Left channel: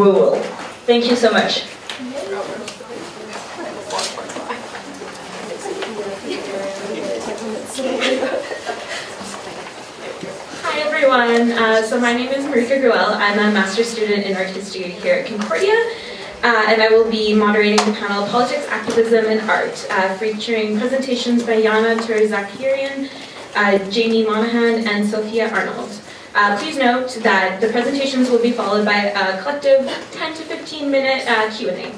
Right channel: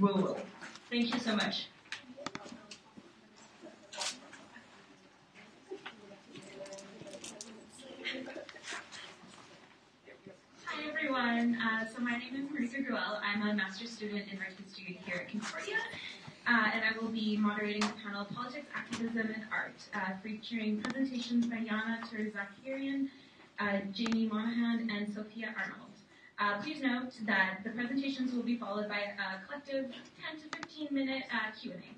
Gruwel. Thank you so much. Hi everyone, so my name is Marieke Gruwel. I'm a master's student in art history here at Concordia, and I will be moderating the panel Politics, Activism, and Art, featuring presentations by Zhanna, Ter-Zakaryan, Jaime, Monaghan, and Sophia, Arnold. Please note that the presentations will be followed by a collective 10 to 15 minute Q&A.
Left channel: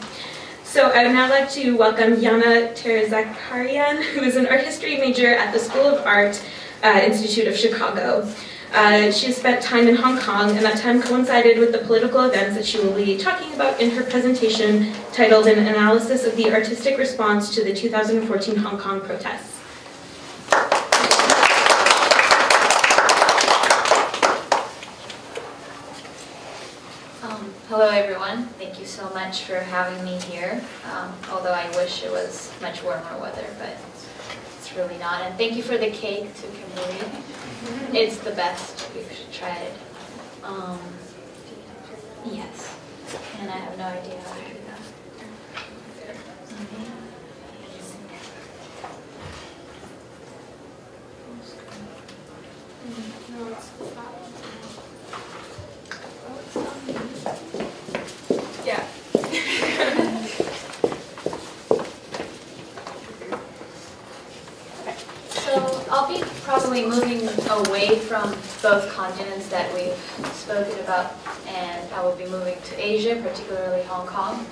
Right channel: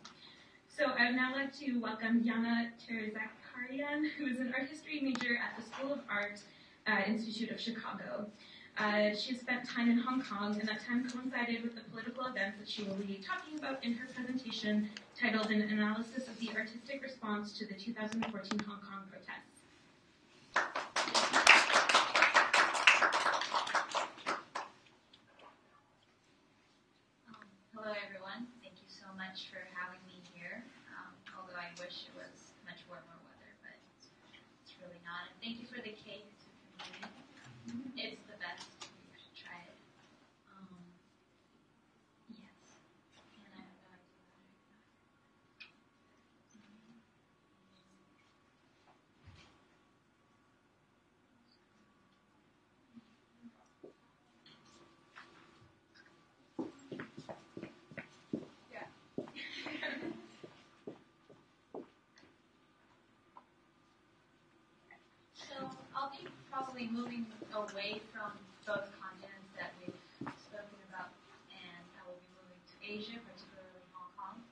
So I would now like to welcome Zhanna Ter-Zakaryan, who is an art history major at the School of Art Institute of Chicago. She has spent time in Hong Kong, and that time coincided with the political events that she will be talking about in her presentation titled An Analysis of the Artistic Response to the 2014 Hong Kong Protests. Hello everyone, thank you so much for having me here, although I wish it was much warmer weather, but it's really not. And thank you for the cake to Kimberly. It's the best, you should try it. Yes, and I have no idea how to do that. Yeah. So I'll be probably moving away from both continents that we've spoken about, and I will be moving to Asia, particularly Hong Kong.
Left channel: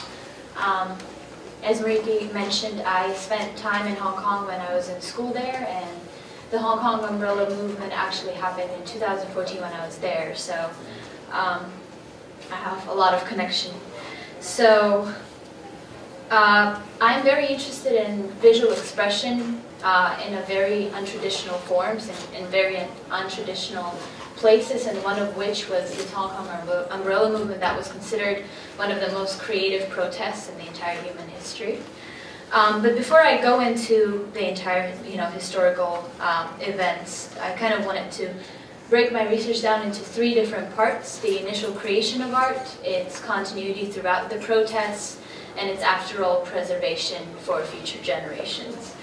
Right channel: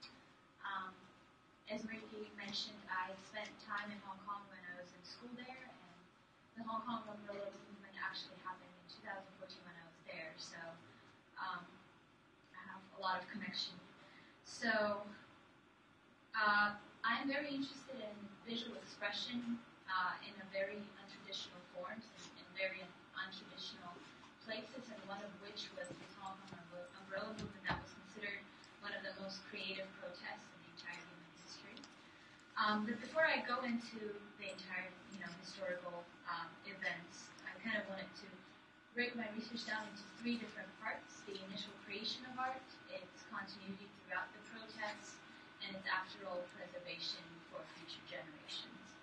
As Marieke mentioned, I spent time in Hong Kong when I was in school there, and the Hong Kong umbrella movement actually happened in 2014 when I was there, so I have a lot of connection. So I'm very interested in visual expression in a very untraditional forms and in very untraditional places, and one of which was the Hong Kong umbrella movement that was considered one of the most creative protests in the entire human history. But before I go into the entire historical events, I kind of wanted to break my research down into three different parts: the initial creation of art, its continuity throughout the protests, and its after-all preservation for future generations.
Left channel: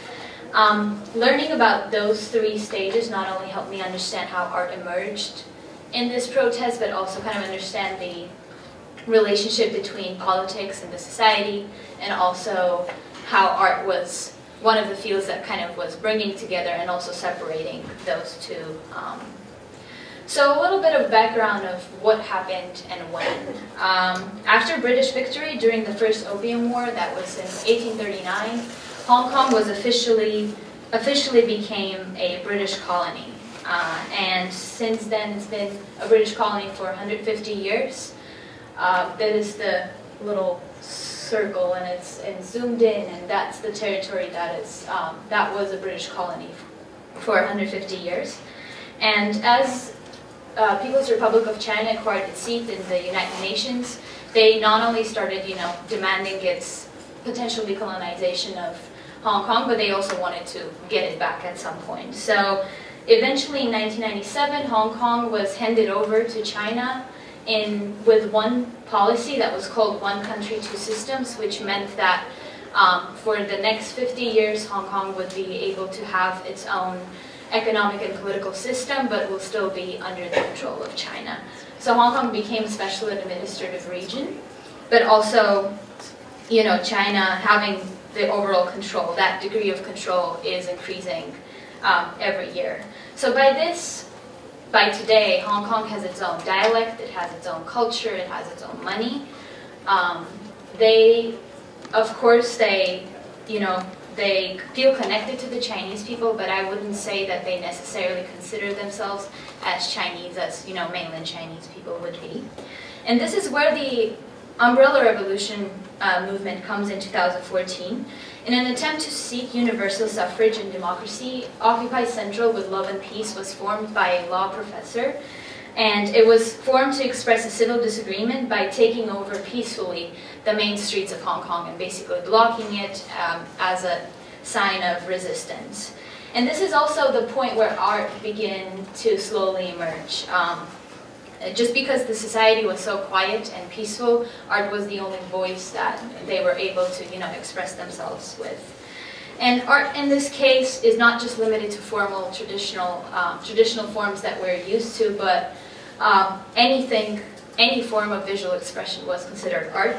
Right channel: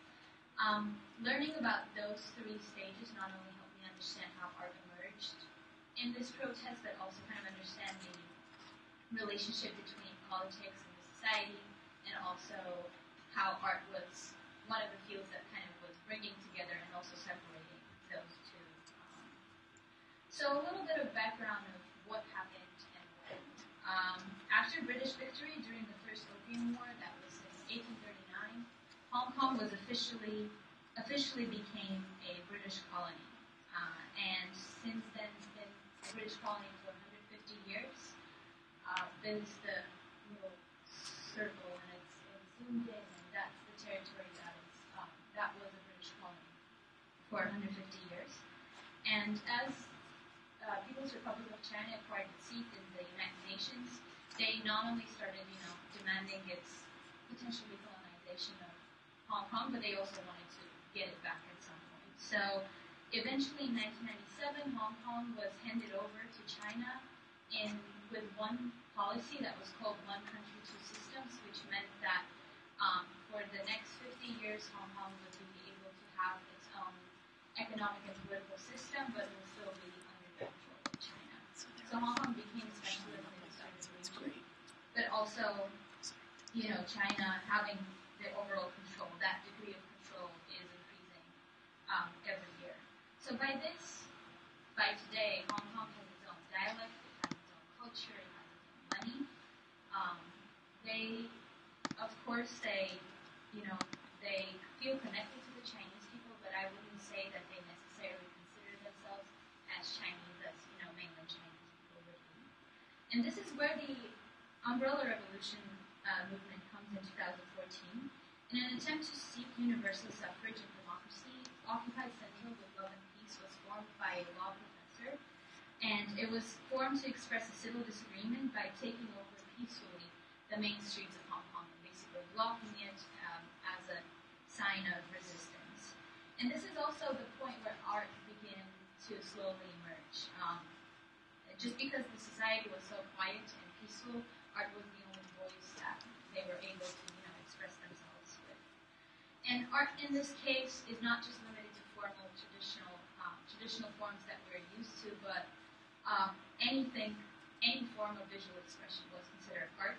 Learning about those three stages not only helped me understand how art emerged in this protest, but also kind of understand the relationship between politics and the society, and also how art was one of the fields that kind of was bringing together and also separating those two. So a little bit of background of what happened and when. After British victory during the First Opium War, that was in 1839, Hong Kong was officially became a British colony. And since then, it's been a British colony for 150 years. That is the little circle, and it's zoomed in, and that's the territory that was a British colony for 150 years. And as People's Republic of China acquired its seat in the United Nations, they not only started, demanding its potential decolonization of Hong Kong, but they also wanted to get it back at some point. So eventually in 1997, Hong Kong was handed over to China with one policy that was called One Country, Two Systems, which meant that for the next 50 years, Hong Kong would be able to have its own economic and political system, but will still be under the control of China. So Hong Kong became a special administrative region, but also, China having the overall control, that degree of control is increasing every year. So by today, Hong Kong has its own dialect, it has its own culture, it has its own money. They feel connected to the Chinese people, but I wouldn't say that they necessarily consider themselves as Chinese as, mainland Chinese people would be. And this is where the Umbrella Revolution movement comes in 2014. In an attempt to seek universal suffrage and democracy, Occupy Central with Love and Peace was formed by a law professor, and it was formed to express a civil disagreement by taking over peacefully the main streets of Hong Kong and basically blocking it as a sign of resistance. And this is also the point where art began to slowly emerge. just because the society was so quiet and peaceful, art was the only voice that they were able to, express themselves with. And art in this case is not just limited to formal, traditional forms that we're used to, but any form of visual expression was considered art.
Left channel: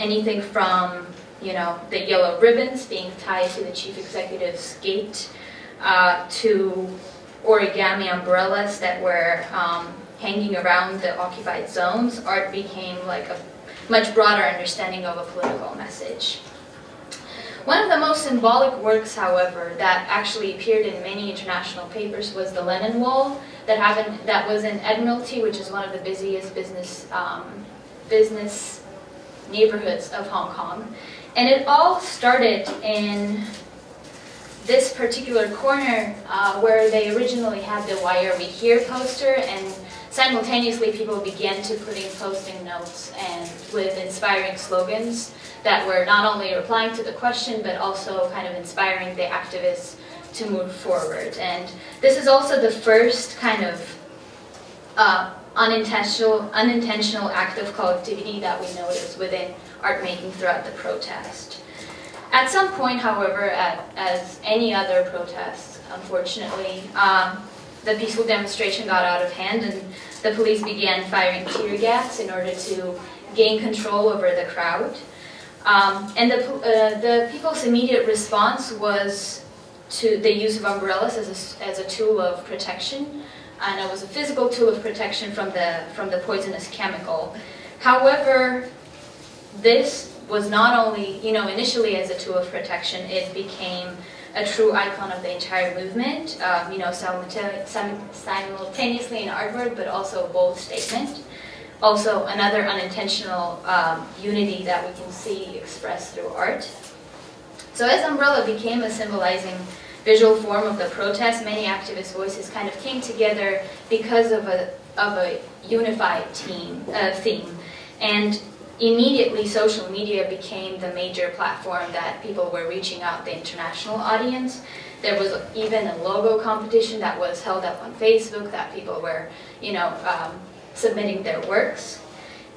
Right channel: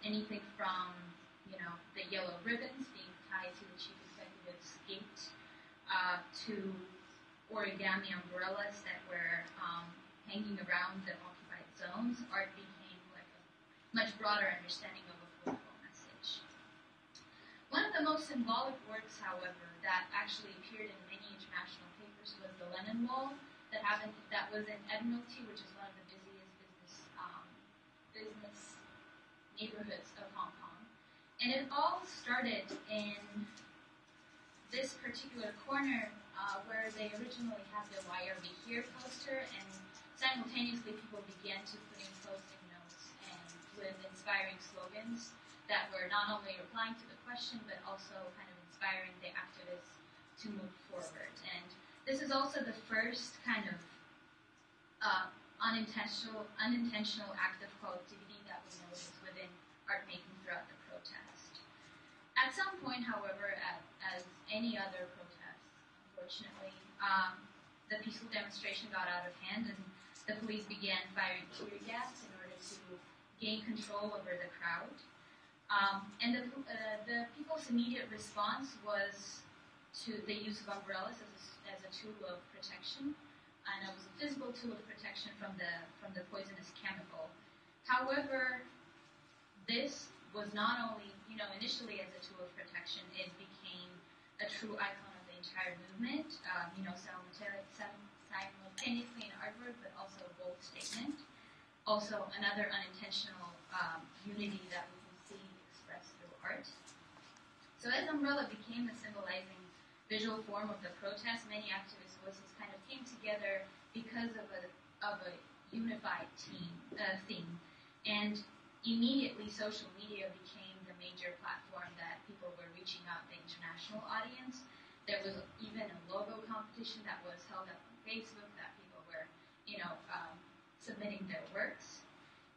Anything from, the yellow ribbons being tied to the chief executive's gate, to origami umbrellas that were hanging around the occupied zones. Art became like a much broader understanding of a political message. One of the most symbolic works, however, that actually appeared in many international papers was the Lenin Wall that was in Admiralty, which is one of the busiest business neighborhoods of Hong Kong. And it all started in this particular corner where they originally had the "Why Are We Here" poster, and simultaneously people began to put in posting notes and with inspiring slogans that were not only replying to the question but also kind of inspiring the activists to move forward. And this is also the first kind of unintentional act of collectivity that we notice within art making throughout the protest. At some point, however, as any other protest, unfortunately, the peaceful demonstration got out of hand and the police began firing tear gas in order to gain control over the crowd. And the people's immediate response was to the use of umbrellas as a tool of protection, and it was a physical tool of protection from the poisonous chemical. However, this was not only, initially as a tool of protection, it became a true icon of the entire movement, simultaneously an artwork, but also a bold statement. Also, another unintentional unity that we can see expressed through art. So as umbrella became a symbolizing visual form of the protest, many activist voices kind of came together because of a unified theme. And immediately, social media became the major platform that people were reaching out the international audience. There was even a logo competition that was held up on Facebook that people were, submitting their works.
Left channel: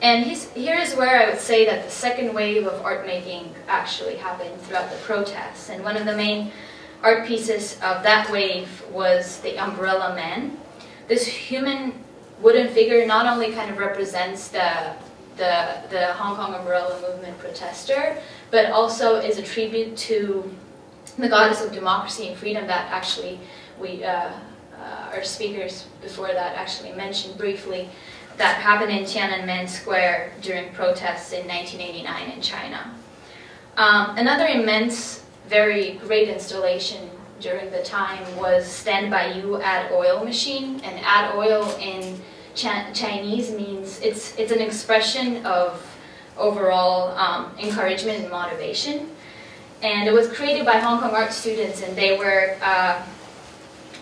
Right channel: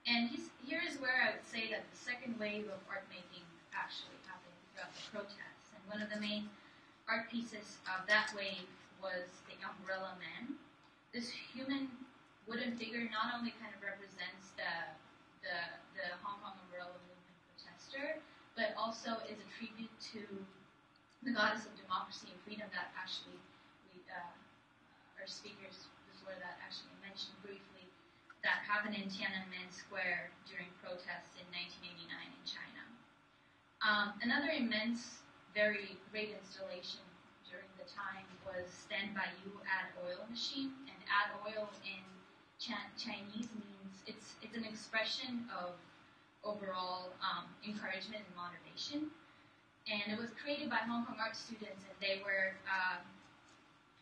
And here is where I would say that the second wave of art making actually happened throughout the protests. And one of the main art pieces of that wave was the Umbrella Man. This human wooden figure not only kind of represents the Hong Kong umbrella movement protester, but also is a tribute to the goddess of democracy and freedom that actually our speakers before that actually mentioned briefly, that happened in Tiananmen Square during protests in 1989 in China. Another immense, very great installation during the time was Stand By You Add Oil machine, and add oil in Chinese means it's an expression of overall encouragement and motivation. And it was created by Hong Kong art students, and they were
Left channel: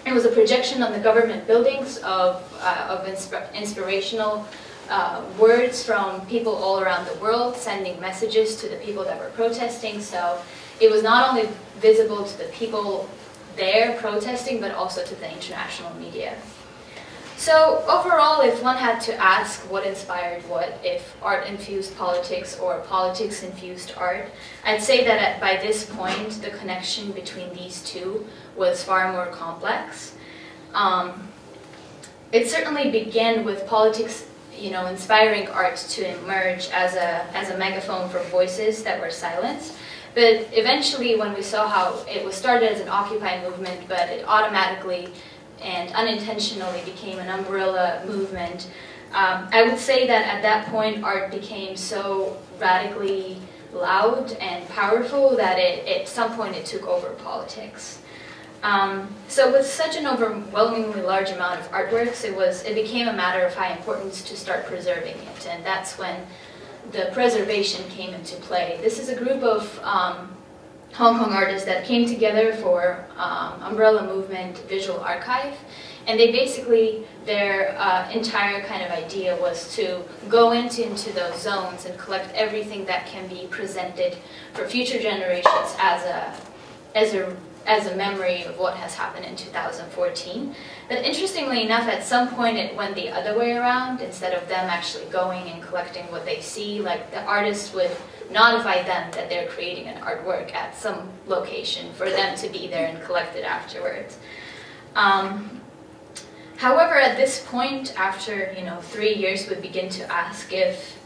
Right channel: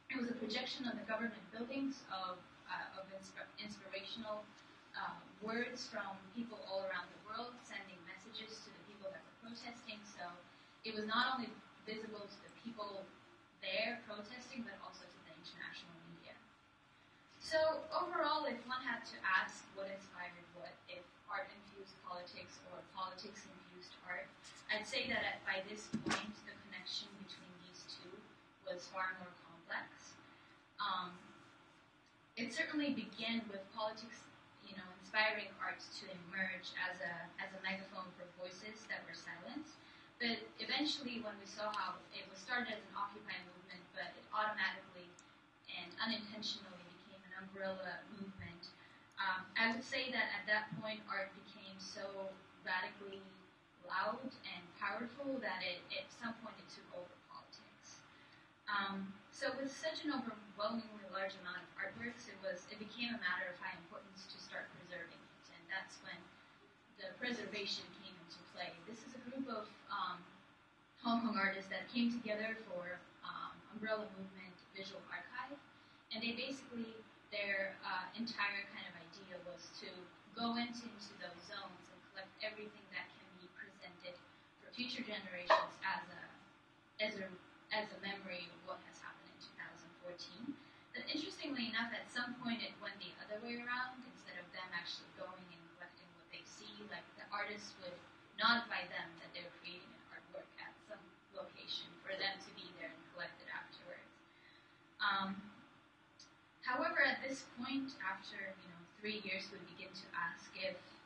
it was a projection on the government buildings of inspirational words from people all around the world, sending messages to the people that were protesting. So it was not only visible to the people there protesting, but also to the international media. So overall, if one had to ask what inspired what, if art infused politics or politics infused art, I'd say that by this point, the connection between these two was far more complex. It certainly began with politics, inspiring art to emerge as a megaphone for voices that were silenced. But eventually, when we saw how it was started as an Occupy movement, but it automatically and unintentionally became an umbrella movement, I would say that at that point, art became so radically loud and powerful that at some point it took over politics. So with such an overwhelmingly large amount of artworks, it became a matter of high importance to start preserving it, and that's when the preservation came into play. This is a group of Hong Kong artists that came together for Umbrella Movement Visual Archive, and they basically, their entire kind of idea was to go into those zones and collect everything that can be presented for future generations as a as a memory of what has happened in 2014. But interestingly enough, at some point it went the other way around. Instead of them actually going and collecting what they see, like the artist would notify them that they're creating an artwork at some location for them to be there and collect it afterwards. However, at this point, after 3 years, we begin to ask if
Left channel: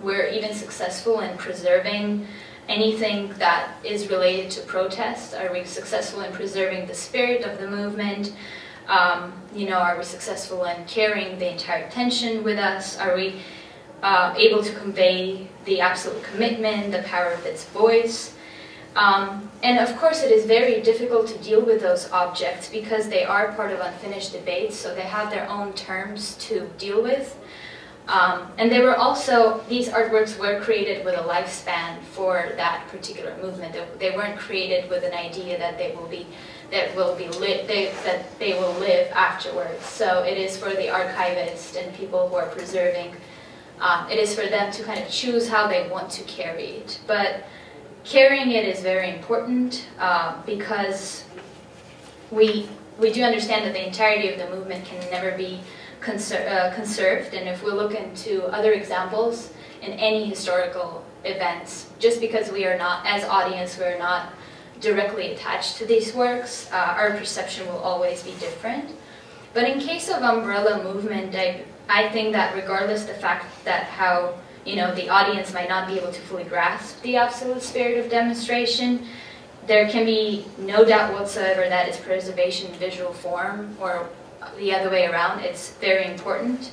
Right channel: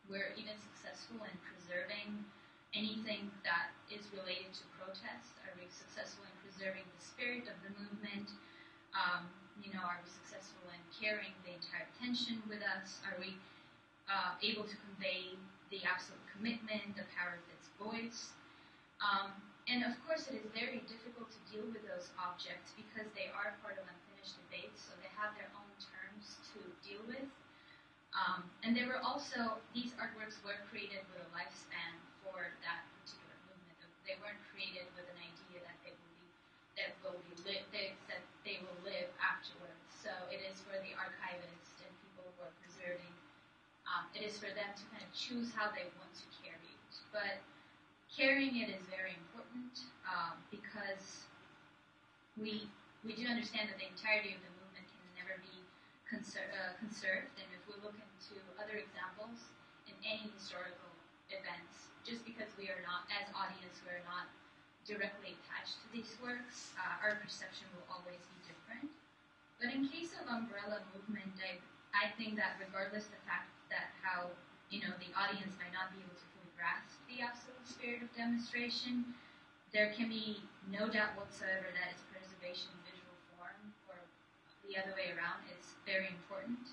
we're even successful in preserving anything that is related to protest. Are we successful in preserving the spirit of the movement? Are we successful in carrying the entire tension with us? Are we able to convey the absolute commitment, the power of its voice? And of course, it is very difficult to deal with those objects because they are part of unfinished debates, so they have their own terms to deal with. And these artworks were created with a lifespan for that particular movement. They weren't created with an idea that they will live afterwards. So it is for the archivist and people who are preserving. It is for them to kind of choose how they want to carry it. But carrying it is very important because we do understand that the entirety of the movement can never be conserved, and if we look into other examples in any historical events, just because we are not, as audience, we're not directly attached to these works, our perception will always be different. But in case of umbrella movement, I think that regardless the fact that how the audience might not be able to fully grasp the absolute spirit of demonstration, there can be no doubt whatsoever that its preservation in visual form, or the other way around, it's very important.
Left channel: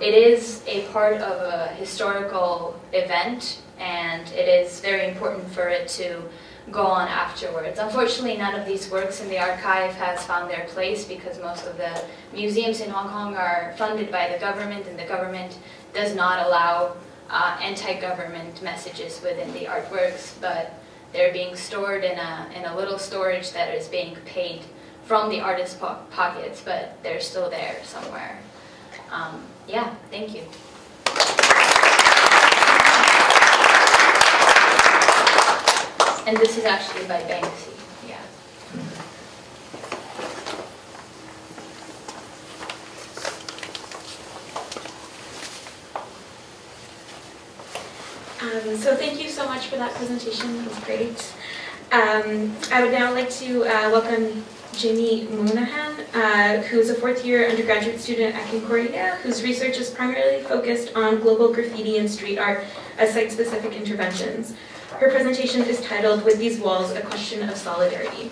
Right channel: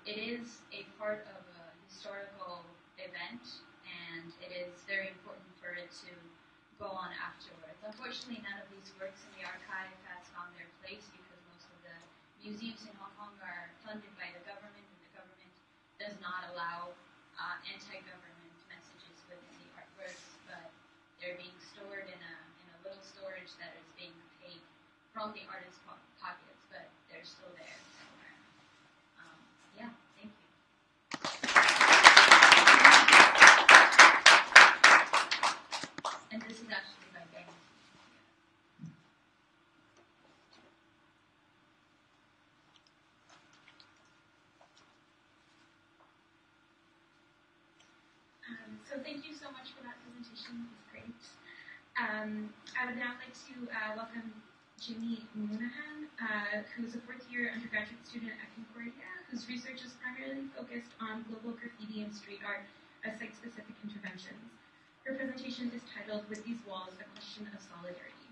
It is a part of a historical event, and it is very important for it to go on afterwards. Unfortunately, none of these works in the archive has found their place because most of the museums in Hong Kong are funded by the government, and the government does not allow anti-government messages within the artworks, but they're being stored in a little storage that is being paid from the artist's pockets, but they're still there somewhere. Yeah, thank you. And this is actually by Banksy, yeah. So thank you so much for that presentation, that was great. I would now like to welcome Jaime Monaghan, who is a fourth-year undergraduate student at Concordia, whose research is primarily focused on global graffiti and street art as site-specific interventions. Her presentation is titled, "With These Walls, A Question of Solidarity."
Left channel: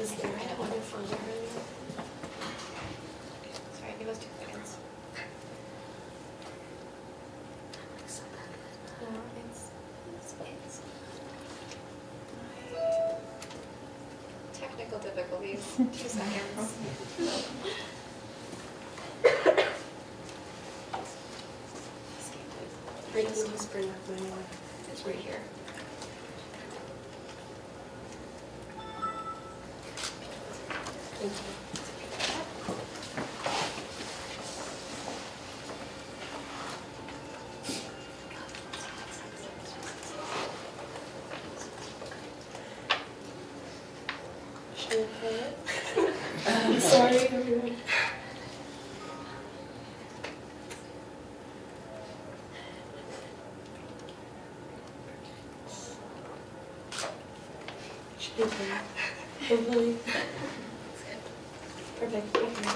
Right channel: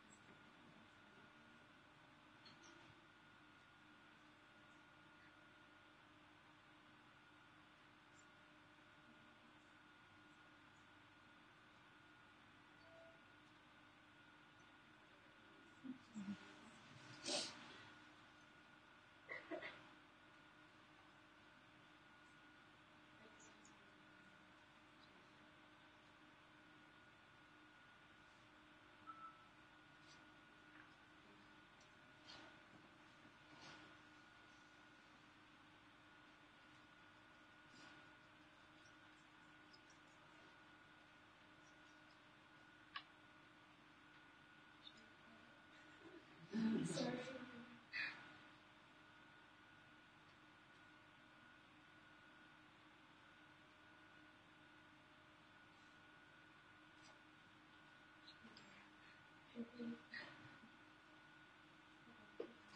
Is there on your phone? Sorry, give us 2 seconds. No, it's technical difficulties. 2 seconds. I can just bring up my one. It's right here. Thank you. Should we play it? Sorry, everyone. Should we play it? Hopefully. Perfect. Okay.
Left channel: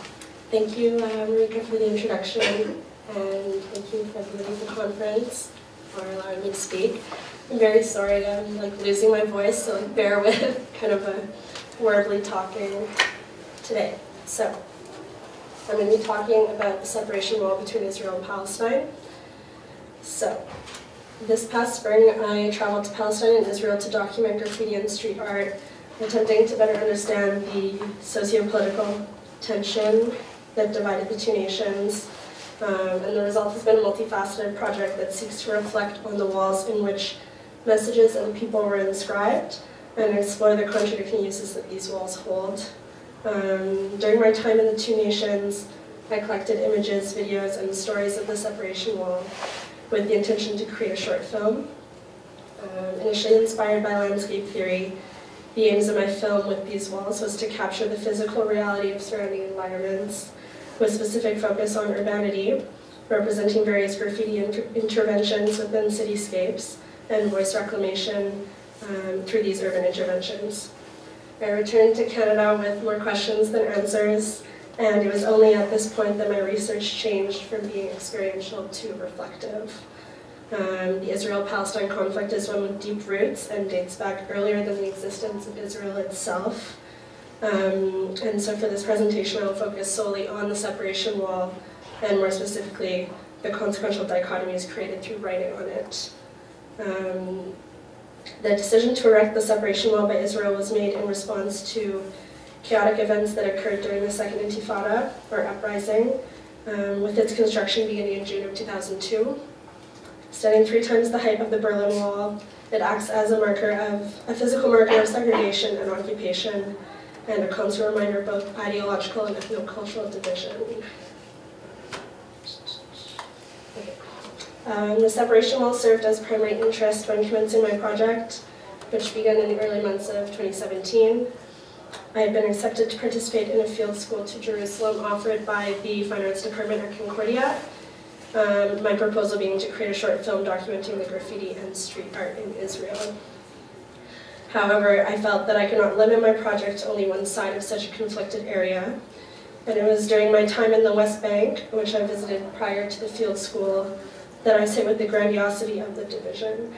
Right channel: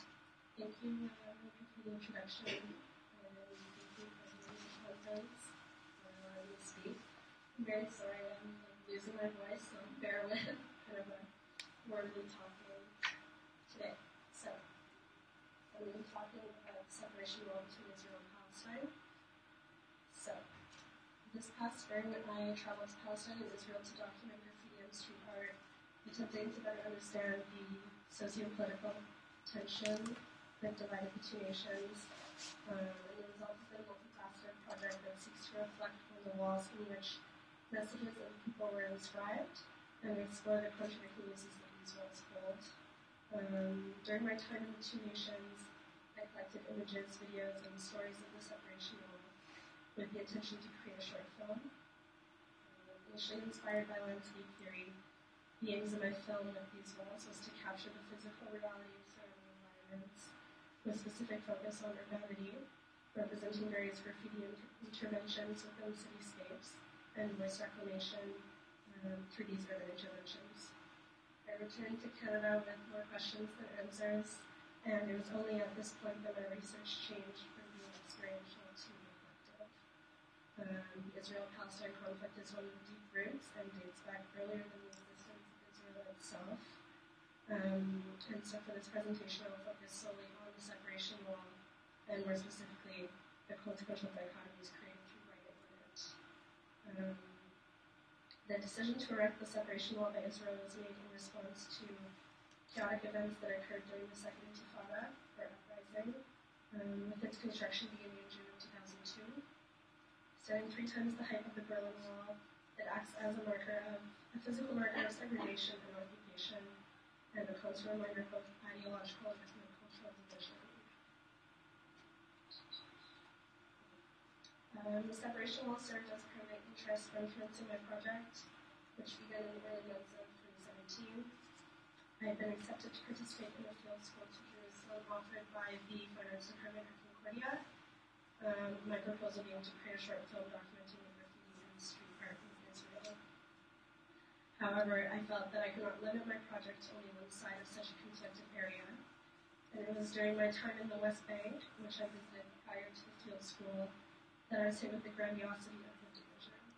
Thank you, Marieke, for the introduction, and thank you for the conference for allowing me to speak. I'm very sorry, I'm losing my voice, so bear with kind of a wordly talking today. So, I'm going to be talking about the separation wall between Israel and Palestine. So, this past spring, I traveled to Palestine and Israel to document graffiti and street art attempting to better understand the socio-political tension that divided the two nations. And the result has been a multifaceted project that seeks to reflect on the walls in which messages and people were inscribed and explore the contradicting uses that these walls hold. During my time in the two nations, I collected images, videos, and stories of the separation wall with the intention to create a short film. Initially inspired by landscape theory, the aims of my film with these walls was to capture the physical reality of surrounding environments, with specific focus on urbanity, representing various graffiti interventions within cityscapes and voice reclamation through these urban interventions. I returned to Canada with more questions than answers, and it was only at this point that my research changed from being experiential to reflective. The Israel-Palestine conflict is one with deep roots and dates back earlier than the existence of Israel itself. And so for this presentation, I'll focus solely on the separation wall, and more specifically, the consequential dichotomies created through writing on it. The decision to erect the separation wall by Israel was made in response to chaotic events that occurred during the Second Intifada, or uprising, with its construction beginning in June of 2002. Standing 3 times the height of the Berlin Wall, it acts as a physical marker of segregation and occupation, and a constant reminder of both ideological and ethno-cultural division. The separation wall served as primary interest when commencing my project, which began in the early months of 2017. I had been accepted to participate in a field school to Jerusalem offered by the Fine Arts Department at Concordia, my proposal being to create a short film documenting the graffiti and street art in Israel. However, I felt that I could not limit my project to only one side of such a conflicted area, and it was during my time in the West Bank, which I visited prior to the field school, that I was hit with the grandiosity of the division.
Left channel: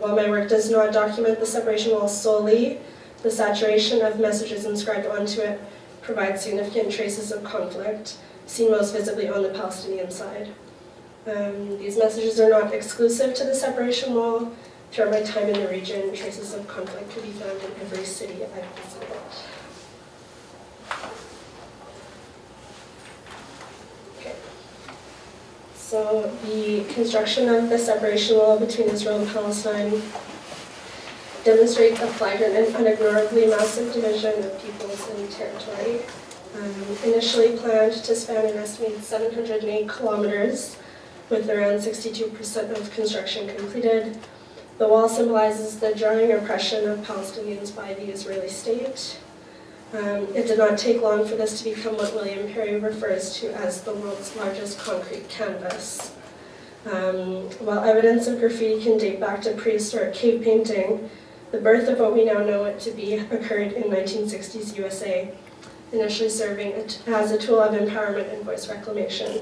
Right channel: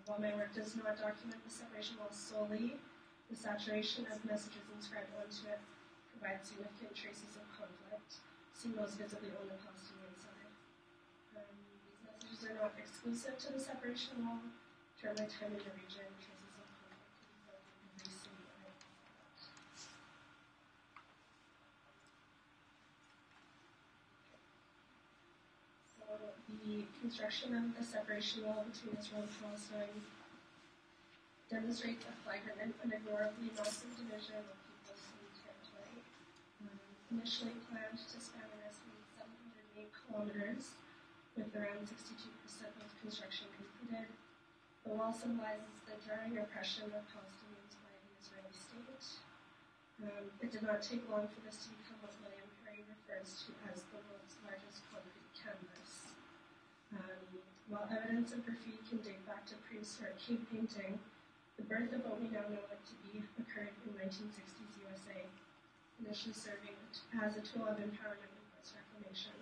While my work does not document the separation wall solely, the saturation of messages inscribed onto it provides significant traces of conflict, seen most visibly on the Palestinian side. These messages are not exclusive to the separation wall. Throughout my time in the region, traces of conflict could be found in every city I've visited. Okay. So the construction of the separation wall between Israel and Palestine demonstrates a flagrant and unignorably massive division of peoples and territory. Initially planned to span an estimated 708 kilometers, with around 62% of construction completed, the wall symbolizes the jarring oppression of Palestinians by the Israeli state. It did not take long for this to become what William Perry refers to as the world's largest concrete canvas. While evidence of graffiti can date back to prehistoric cave painting, the birth of what we now know it to be occurred in 1960s USA, initially serving as a tool of empowerment and voice reclamation.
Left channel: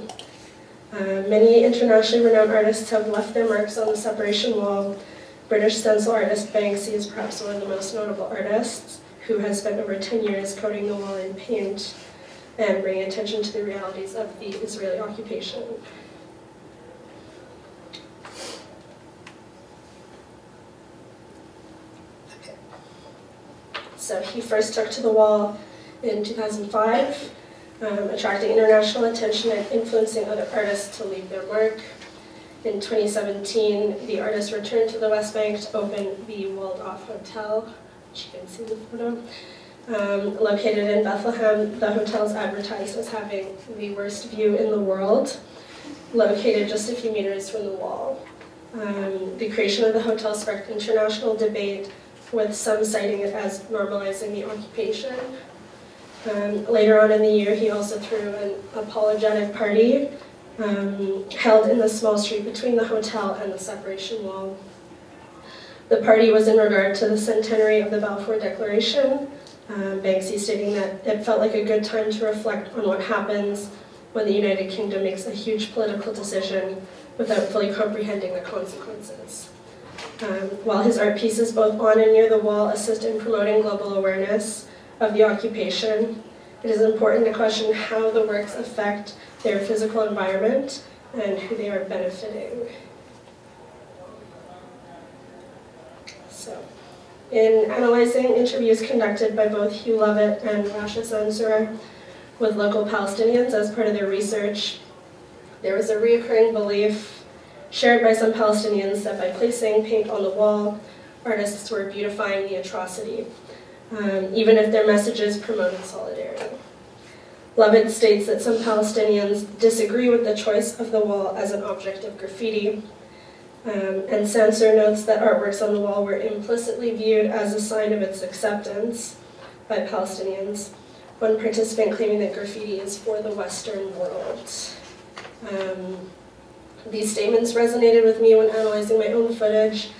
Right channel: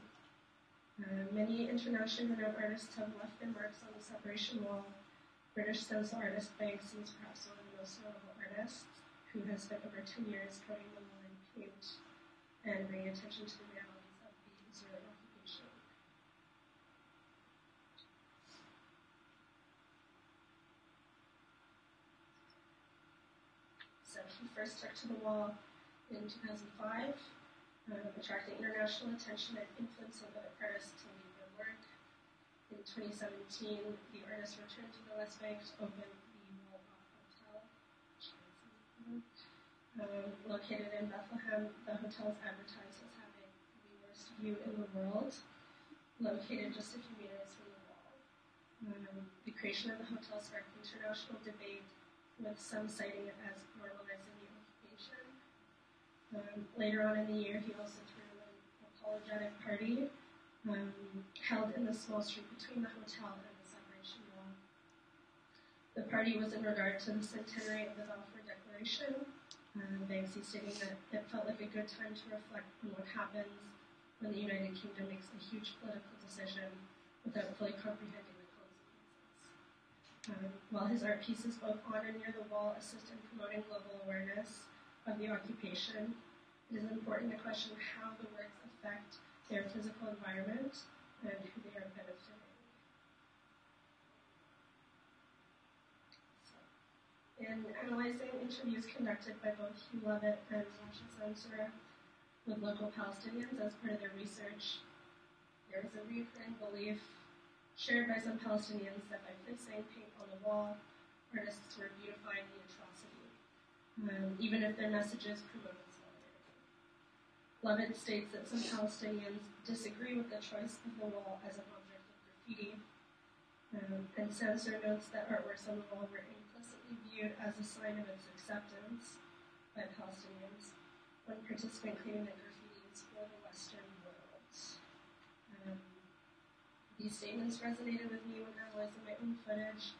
Many internationally renowned artists have left their marks on the separation wall. British stencil artist Banksy is perhaps one of the most notable artists, who has spent over 10 years coating the wall in paint and bringing attention to the realities of the Israeli occupation. Okay. So he first took to the wall in 2005, attracting international attention and influencing other artists to leave their mark. In 2017, the artist returned to the West Bank to open the walled-off hotel, which you can see in the photo. Located in Bethlehem, the hotel is advertised as having the worst view in the world, located just a few meters from the wall. The creation of the hotel sparked international debate, with some citing it as normalizing the occupation. Later on in the year, he also threw an apologetic party held in the small street between the hotel and the separation wall. The party was in regard to the centenary of the Balfour Declaration, Banksy stating that it felt like a good time to reflect on what happens when the United Kingdom makes a huge political decision without fully comprehending the consequences. While his art pieces both on and near the wall assist in promoting global awareness of the occupation, it is important to question how the works affect their physical environment and who they are benefiting. So, In analyzing interviews conducted by both Hugh Lovett and Rasha Sansur with local Palestinians as part of their research, there was a recurring belief shared by some Palestinians that by placing paint on the wall, artists were beautifying the atrocity, even if their messages promoted solidarity. Lovett states that some Palestinians disagree with the choice of the wall as an object of graffiti, and Sansur notes that artworks on the wall were implicitly viewed as a sign of its acceptance by Palestinians, one participant claiming that graffiti is for the Western world. These statements resonated with me when analyzing my own footage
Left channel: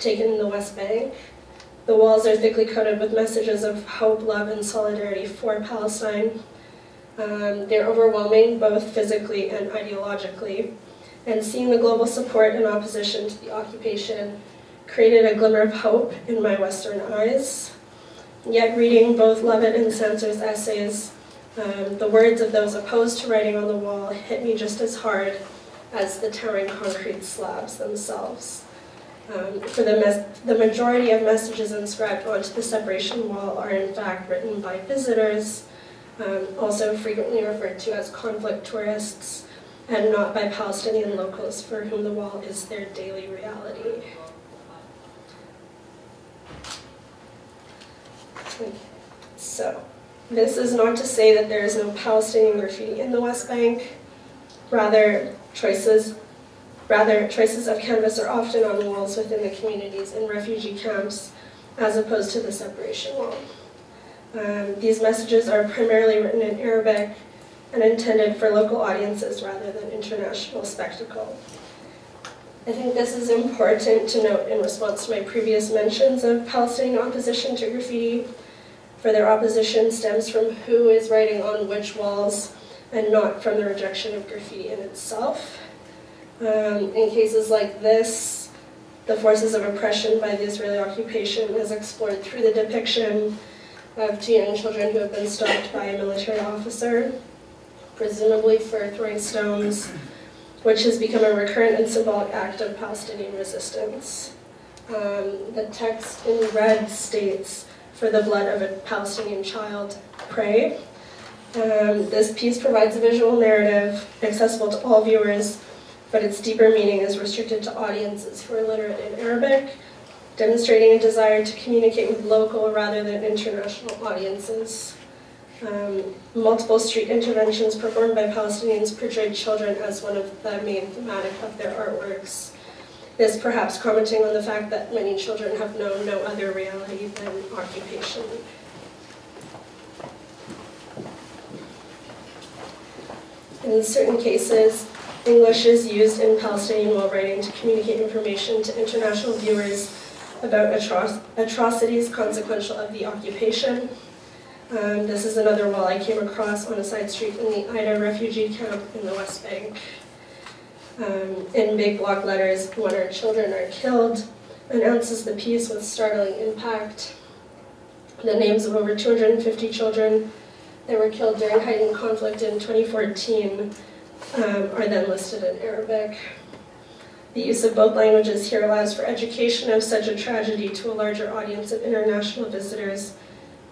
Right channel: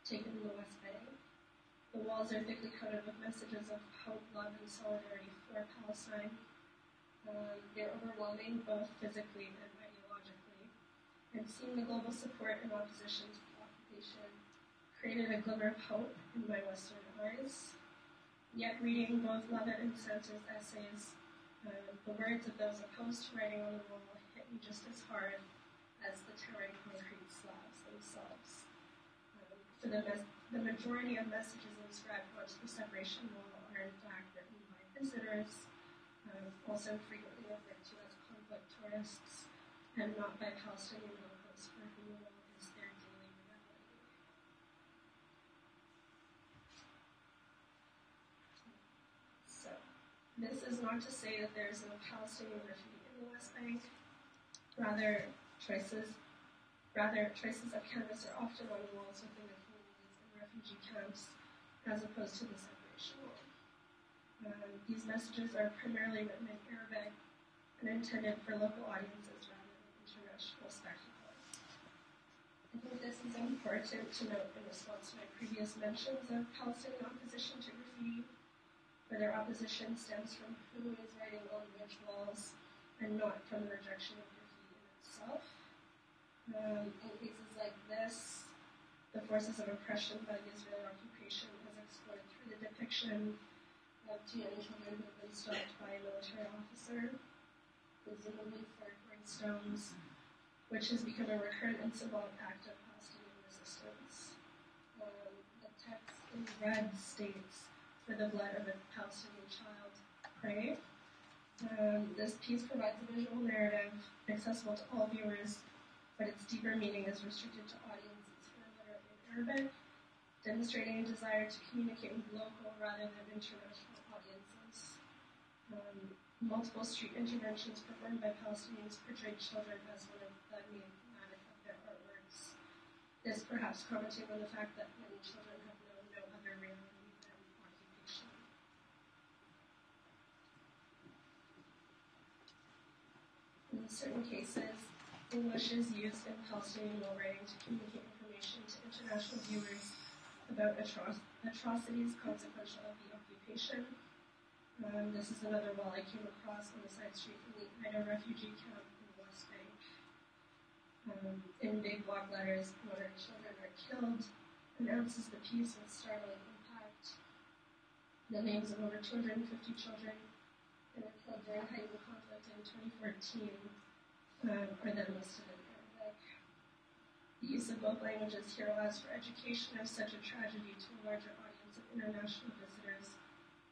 taken in the West Bank. The walls are thickly coated with messages of hope, love, and solidarity for Palestine. They're overwhelming, both physically and ideologically, and seeing the global support and opposition to the occupation created a glimmer of hope in my Western eyes. Yet reading both Lovett and Sansur's essays, the words of those opposed to writing on the wall hit me just as hard as the towering concrete slabs themselves. For the majority of messages inscribed onto the separation wall are in fact written by visitors, also frequently referred to as conflict tourists, and not by Palestinian locals for whom the wall is their daily reality. So, this is not to say that there is no Palestinian graffiti in the West Bank. Rather, choices of canvas are often on walls within the communities in refugee camps, as opposed to the separation wall. These messages are primarily written in Arabic and intended for local audiences rather than international spectacle. I think this is important to note in response to my previous mentions of Palestinian opposition to graffiti, for their opposition stems from who is writing on which walls and not from the rejection of graffiti in itself. In cases like this, the forces of oppression by the Israeli occupation is explored through the depiction of two young children who have been stopped by a military officer, presumably for throwing stones, which has become a recurrent and symbolic act of Palestinian resistance. The text in red states, "For the blood of a Palestinian child, pray." This piece provides a visual narrative accessible to all viewers, but its deeper meaning is restricted to audiences who are literate in Arabic, demonstrating a desire to communicate with local rather than international audiences. Multiple street interventions performed by Palestinians portrayed children as one of the main thematic of their artworks. This perhaps commenting on the fact that many children have known no other reality than occupation. In certain cases, English is used in Palestinian while writing to communicate information to international viewers about atrocities consequential of the occupation. This is another wall I came across on a side street in the Ida refugee camp in the West Bank. In big block letters, "When our children are killed," announces the piece with startling impact. The names of over 250 children that were killed during heightened conflict in 2014 are then listed in Arabic. The use of both languages here allows for education of such a tragedy to a larger audience of international visitors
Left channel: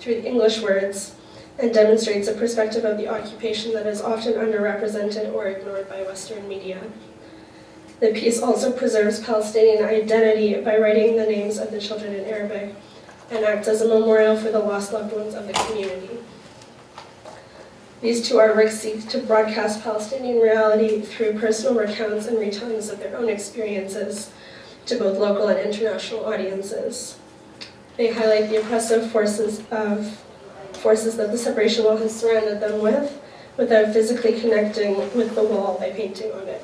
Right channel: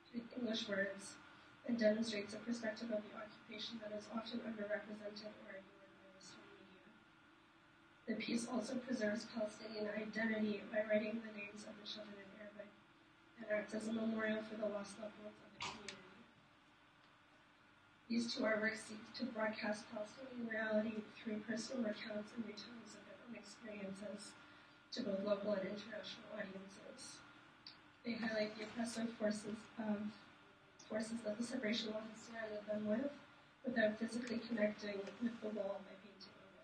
through the English words, and demonstrates a perspective of the occupation that is often underrepresented or ignored by Western media. The piece also preserves Palestinian identity by writing the names of the children in Arabic, and acts as a memorial for the lost loved ones of the community. These two artworks seek to broadcast Palestinian reality through personal recounts and retellings of their own experiences to both local and international audiences. They highlight the oppressive forces that the separation wall has surrounded them with, without physically connecting with the wall by painting on it.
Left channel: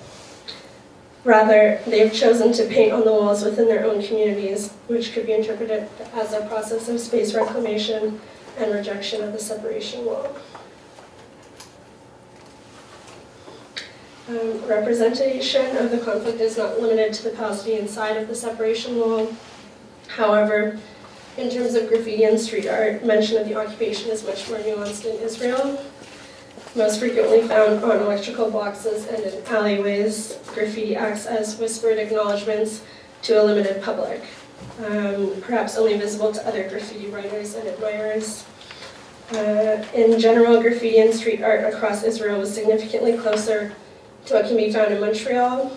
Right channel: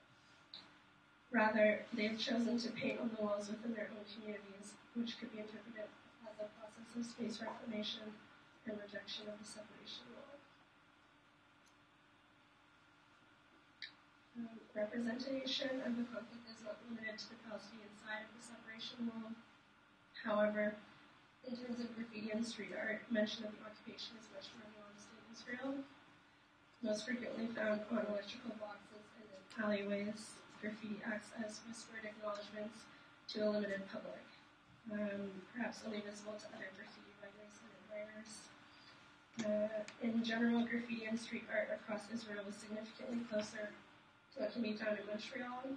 Rather, they have chosen to paint on the walls within their own communities, which could be interpreted as a process of space reclamation and rejection of the separation wall. Representation of the conflict is not limited to the Palestinian side of the separation wall. However, in terms of graffiti and street art, mention of the occupation is much more nuanced in Israel. Most frequently found on electrical boxes and in alleyways, graffiti acts as whispered acknowledgments to a limited public. perhaps only visible to other graffiti writers and admirers. In general, graffiti and street art across Israel was significantly closer to what can be found in Montreal.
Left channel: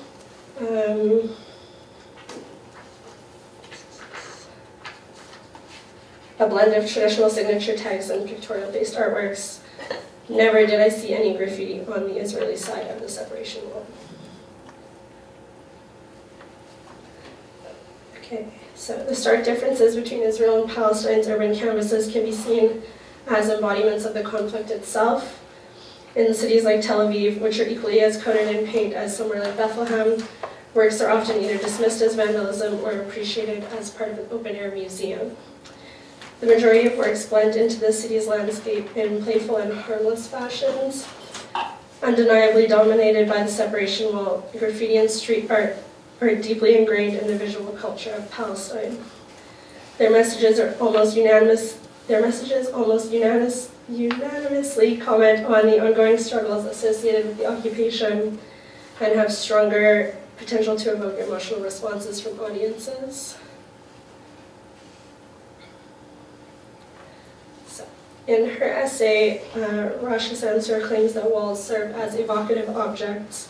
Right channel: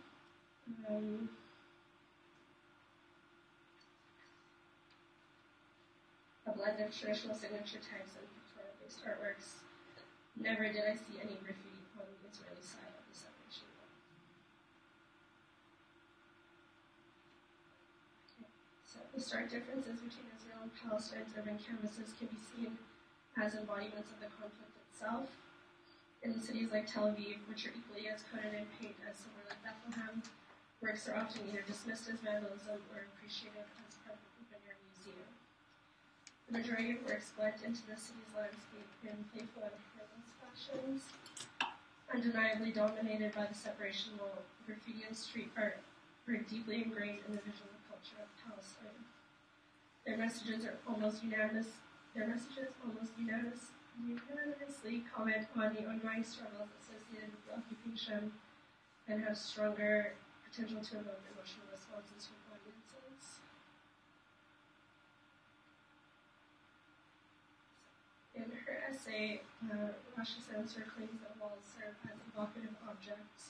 A blend of traditional signature tags and pictorial-based artworks. Never did I see any graffiti on the Israeli side of the separation wall. Okay, so the stark differences between Israel and Palestine's urban canvases can be seen as embodiments of the conflict itself. In cities like Tel Aviv, which are equally as coated in paint as somewhere like Bethlehem, works are often either dismissed as vandalism or appreciated as part of an open-air museum. The majority of works blend into the city's landscape in playful and harmless fashions. Undeniably dominated by the separation wall, graffiti and street art are deeply ingrained in the visual culture of Palestine. Their messages almost unanimously comment on the ongoing struggles associated with the occupation and have stronger potential to evoke emotional responses from audiences. In her essay, Rasha Sansur claims that walls serve as evocative objects,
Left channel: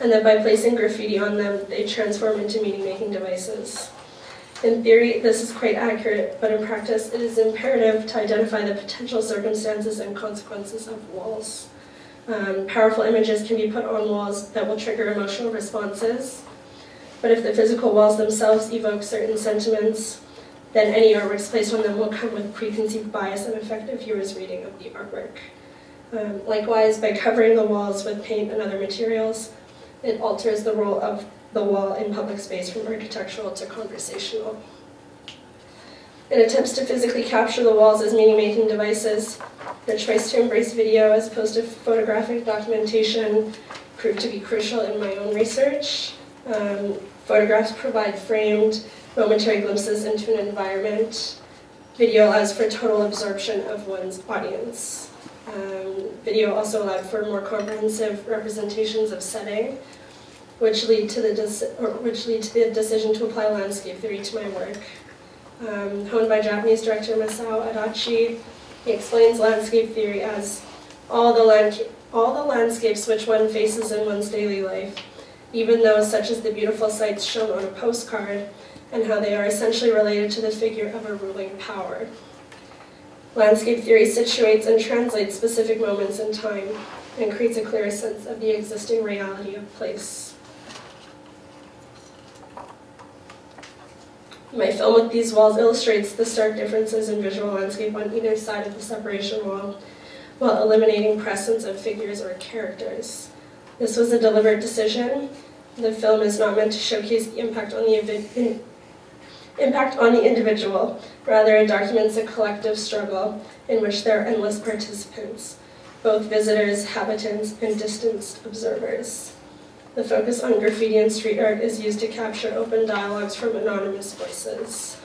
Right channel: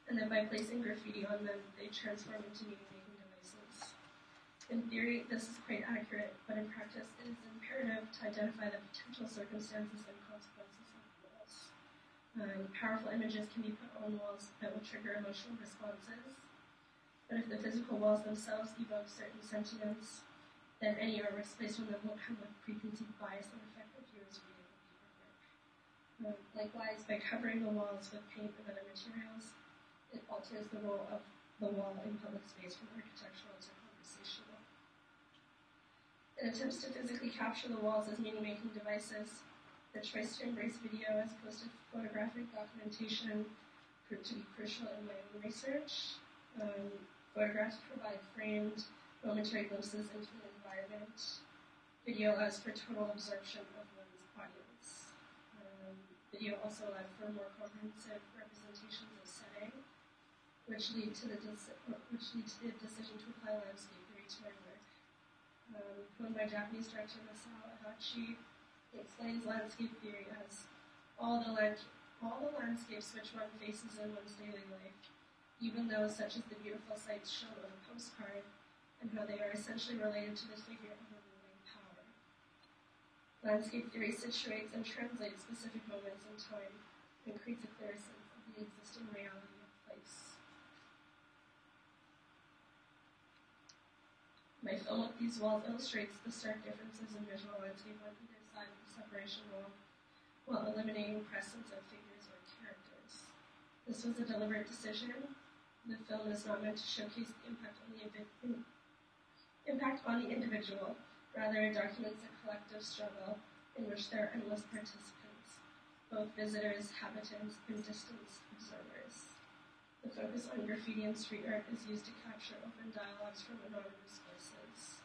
and that by placing graffiti on them, they transform into meaning-making devices. In theory, this is quite accurate, but in practice, it is imperative to identify the potential circumstances and consequences of walls. Powerful images can be put on walls that will trigger emotional responses, but if the physical walls themselves evoke certain sentiments, then any artworks placed on them will come with preconceived bias and affect a viewer's reading of the artwork. Likewise, by covering the walls with paint and other materials, it alters the role of the wall in public space from architectural to conversational. In attempts to physically capture the walls as meaning-making devices, the choice to embrace video as opposed to photographic documentation proved to be crucial in my own research. Photographs provide framed, momentary glimpses into an environment. Video allows for total absorption of one's audience. Video also allowed for more comprehensive representations of setting, which lead to the decision to apply landscape theory to my work. Honed by Japanese director Masao Adachi, he explains landscape theory as all the landscapes which one faces in one's daily life, even those such as the beautiful sights shown on a postcard, and how they are essentially related to the figure of a ruling power. Landscape theory situates and translates specific moments in time and creates a clearer sense of the existing reality of place. My film with these walls illustrates the stark differences in visual landscape on either side of the separation wall, while eliminating presence of figures or characters. This was a deliberate decision. The film is not meant to showcase the impact on the individual. Rather, it documents a collective struggle in which there are endless participants, both visitors, habitants, and distanced observers. The focus on graffiti and street art is used to capture open dialogues from anonymous voices.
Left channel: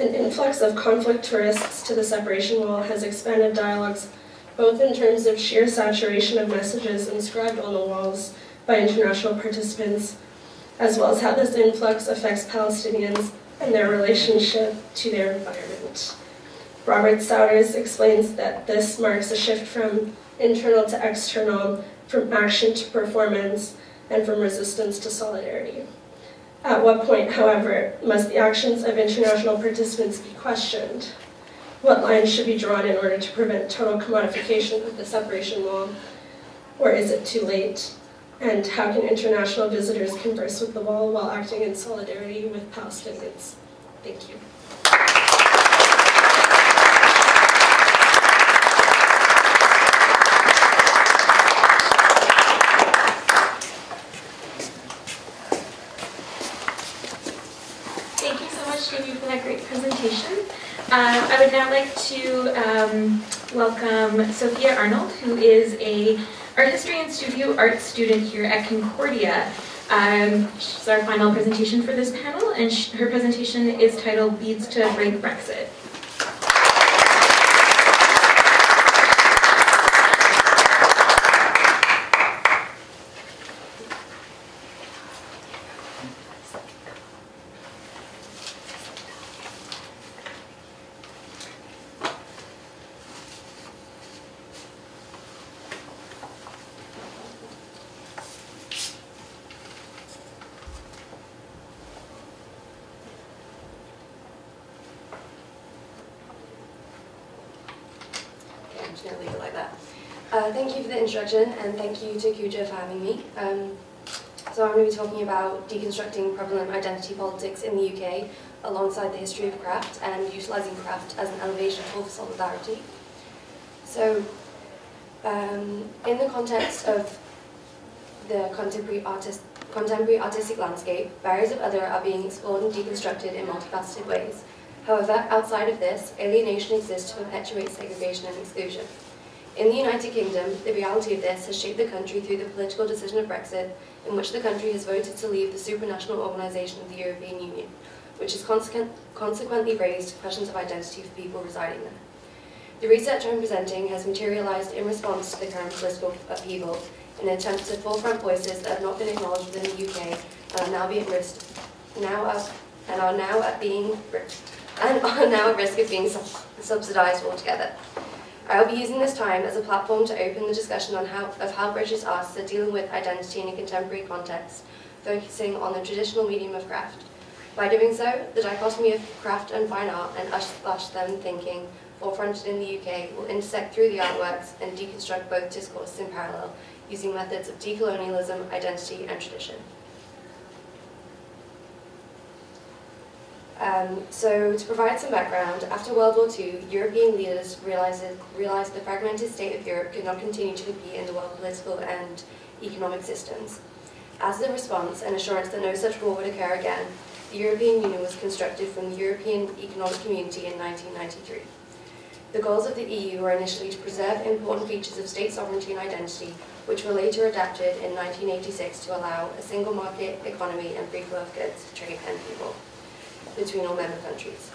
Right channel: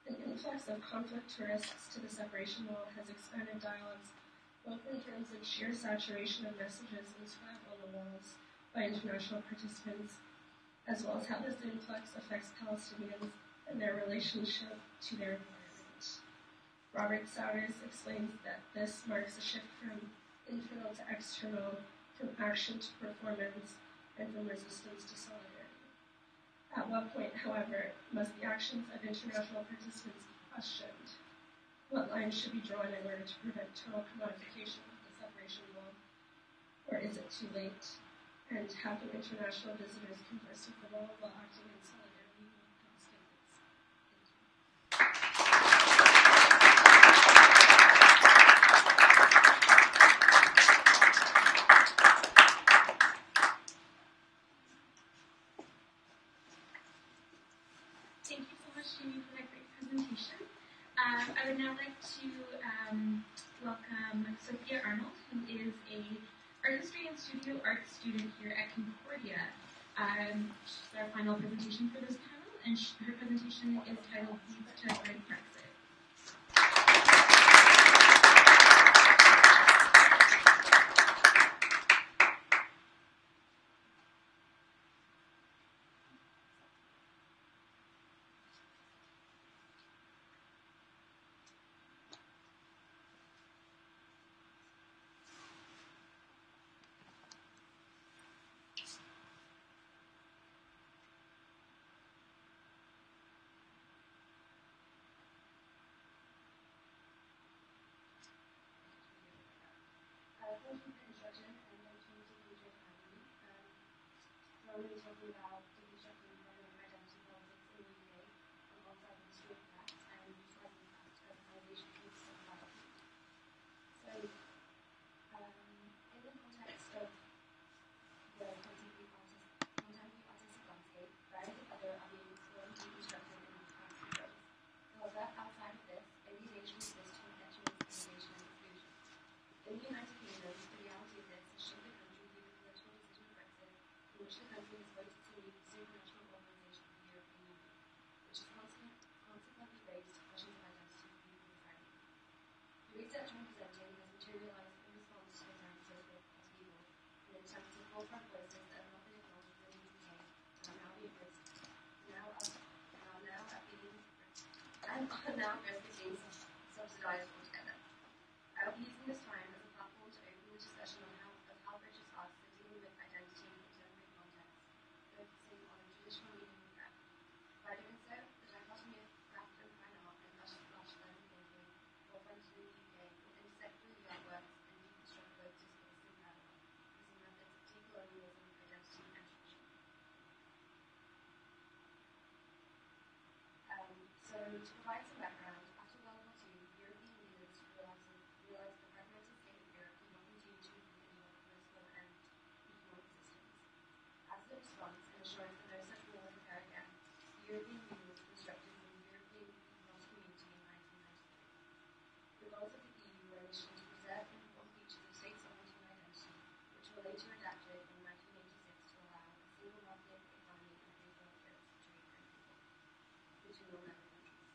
An influx of conflict tourists to the separation wall has expanded dialogues both in terms of sheer saturation of messages inscribed on the walls by international participants, as well as how this influx affects Palestinians and their relationship to their environment. Robert Souders explains that this marks a shift from internal to external, from action to performance, and from resistance to solidarity. At what point, however, must the actions of international participants be questioned? What lines should be drawn in order to prevent total commodification of the separation wall? Or is it too late? And how can international visitors converse with the wall while acting in solidarity with Palestinians? Thank you. Thank you so much, Jaime, for that great presentation. I would now like to welcome Sophia Arnold, who is a art history and studio art student here at Concordia. She's our final presentation for this panel, and her presentation is titled Beads to Break Brexit. just going to leave it like that. Thank you for the introduction, and thank you to Kuja for having me. So I'm going to be talking about deconstructing prevalent identity politics in the UK alongside the history of craft and utilising craft as an elevation tool for solidarity. So in the context of the contemporary artistic landscape, barriers of other are being explored and deconstructed in multifaceted ways. However, outside of this, alienation exists to perpetuate segregation and exclusion. In the United Kingdom, the reality of this has shaped the country through the political decision of Brexit, in which the country has voted to leave the supranational organisation of the European Union, which has consequently raised questions of identity for people residing there. The research I'm presenting has materialised in response to the current political upheaval in an attempt to forefront voices that have not been acknowledged within the UK and are now at risk of being subsidised altogether. I will be using this time as a platform to open the discussion on how British artists are dealing with identity in a contemporary context, focusing on the traditional medium of craft. By doing so, the dichotomy of craft and fine art and us/them thinking forefronted in the UK will intersect through the artworks and deconstruct both discourses in parallel, using methods of decolonialism, identity, and tradition. So to provide some background, after World War II, European leaders realized the fragmented state of Europe could not continue to compete in the world political and economic systems. As a response and assurance that no such war would occur again, the European Union was constructed from the European Economic Community in 1993. The goals of the EU were initially to preserve important features of state sovereignty and identity, which were later adapted in 1986 to allow a single market economy and free flow of goods, trade and people between all member countries.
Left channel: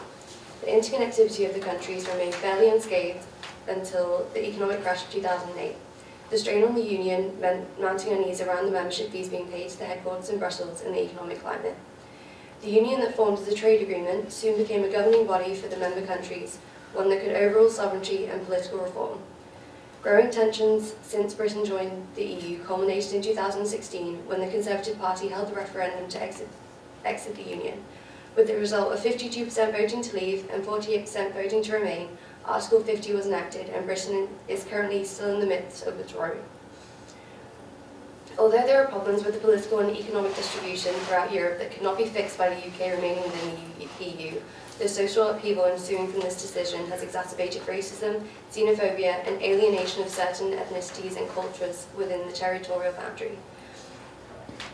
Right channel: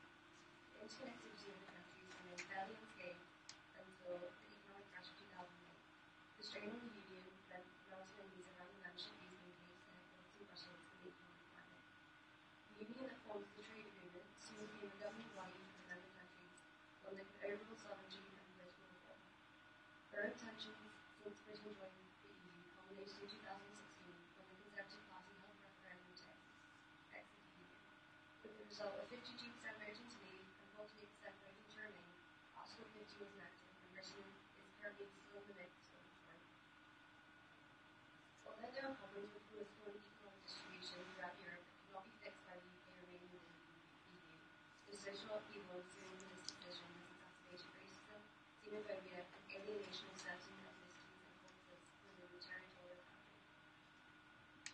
The interconnectivity of the countries remained fairly unscathed until the economic crash of 2008. The strain on the Union meant mounting unease around the membership fees being paid to the headquarters in Brussels and the economic climate. The Union that formed as a trade agreement soon became a governing body for the member countries, one that could overrule sovereignty and political reform. Growing tensions since Britain joined the EU culminated in 2016 when the Conservative Party held a referendum to exit the Union. With the result of 52% voting to leave and 48% voting to remain, Article 50 was enacted and Britain is currently still in the midst of withdrawing. Although there are problems with the political and economic distribution throughout Europe that could not be fixed by the UK remaining within the EU, the social upheaval ensuing from this decision has exacerbated racism, xenophobia, and alienation of certain ethnicities and cultures within the territorial boundary.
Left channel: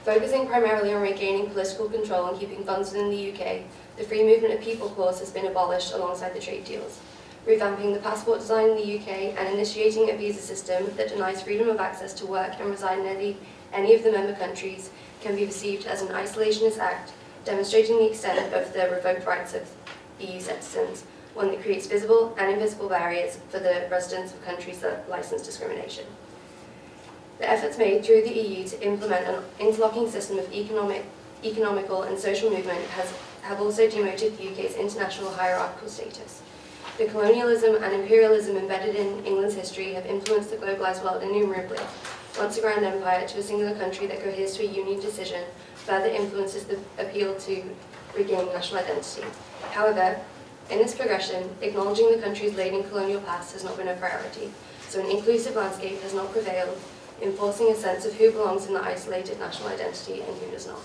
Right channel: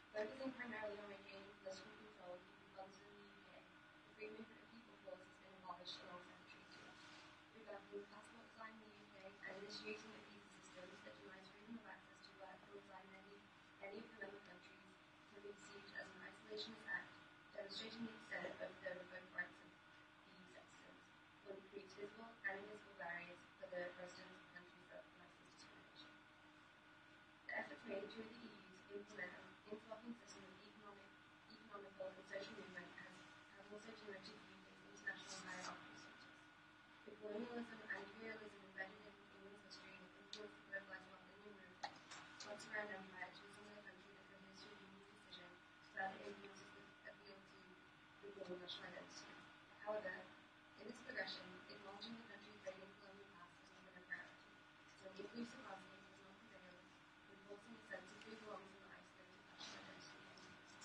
Focusing primarily on regaining political control and keeping funds within the UK, the Free Movement of People clause has been abolished alongside the trade deals. Revamping the passport design in the UK and initiating a visa system that denies freedom of access to work and reside in any of the member countries can be perceived as an isolationist act, demonstrating the extent of the revoked rights of EU citizens, one that creates visible and invisible barriers for the residents of countries that license discrimination. The efforts made through the EU to implement an interlocking system of economical and social movement have also demoted the UK's international hierarchical status. The colonialism and imperialism embedded in England's history have influenced the globalised world innumerably. Once a grand empire to a singular country that coheres to a union decision further influences the appeal to regain national identity. However, in this progression, acknowledging the country's laden colonial past has not been a priority, so an inclusive landscape has not prevailed, enforcing a sense of who belongs in the isolated national identity and who does not.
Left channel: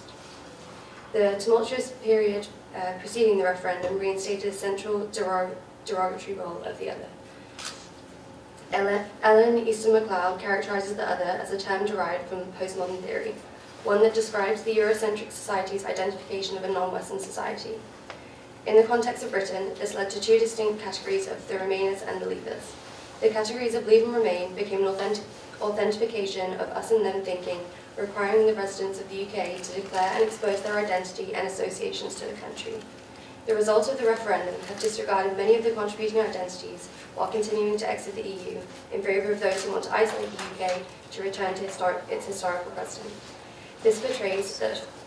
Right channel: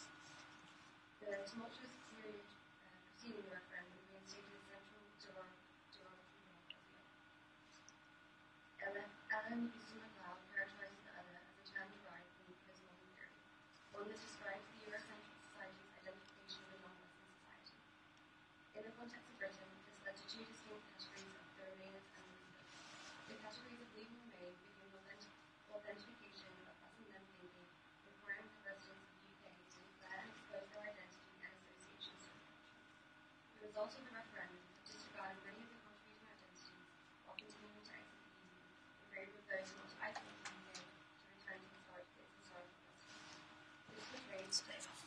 The tumultuous period preceding the referendum reinstated a central derogatory role of the other. Ellen Easton MacLeod characterises the other as a term derived from postmodern theory, one that describes the Eurocentric society's identification of a non-Western society. In the context of Britain, this led to two distinct categories of the Remainers and the Leavers. The categories of Leave and Remain became an authentication of us and them thinking, requiring the residents of the UK to declare and expose their identity and associations to the country. The result of the referendum have disregarded many of the contributing identities while continuing to exit the EU in favour of those who want to isolate the UK to return to its historical precedent. This portrays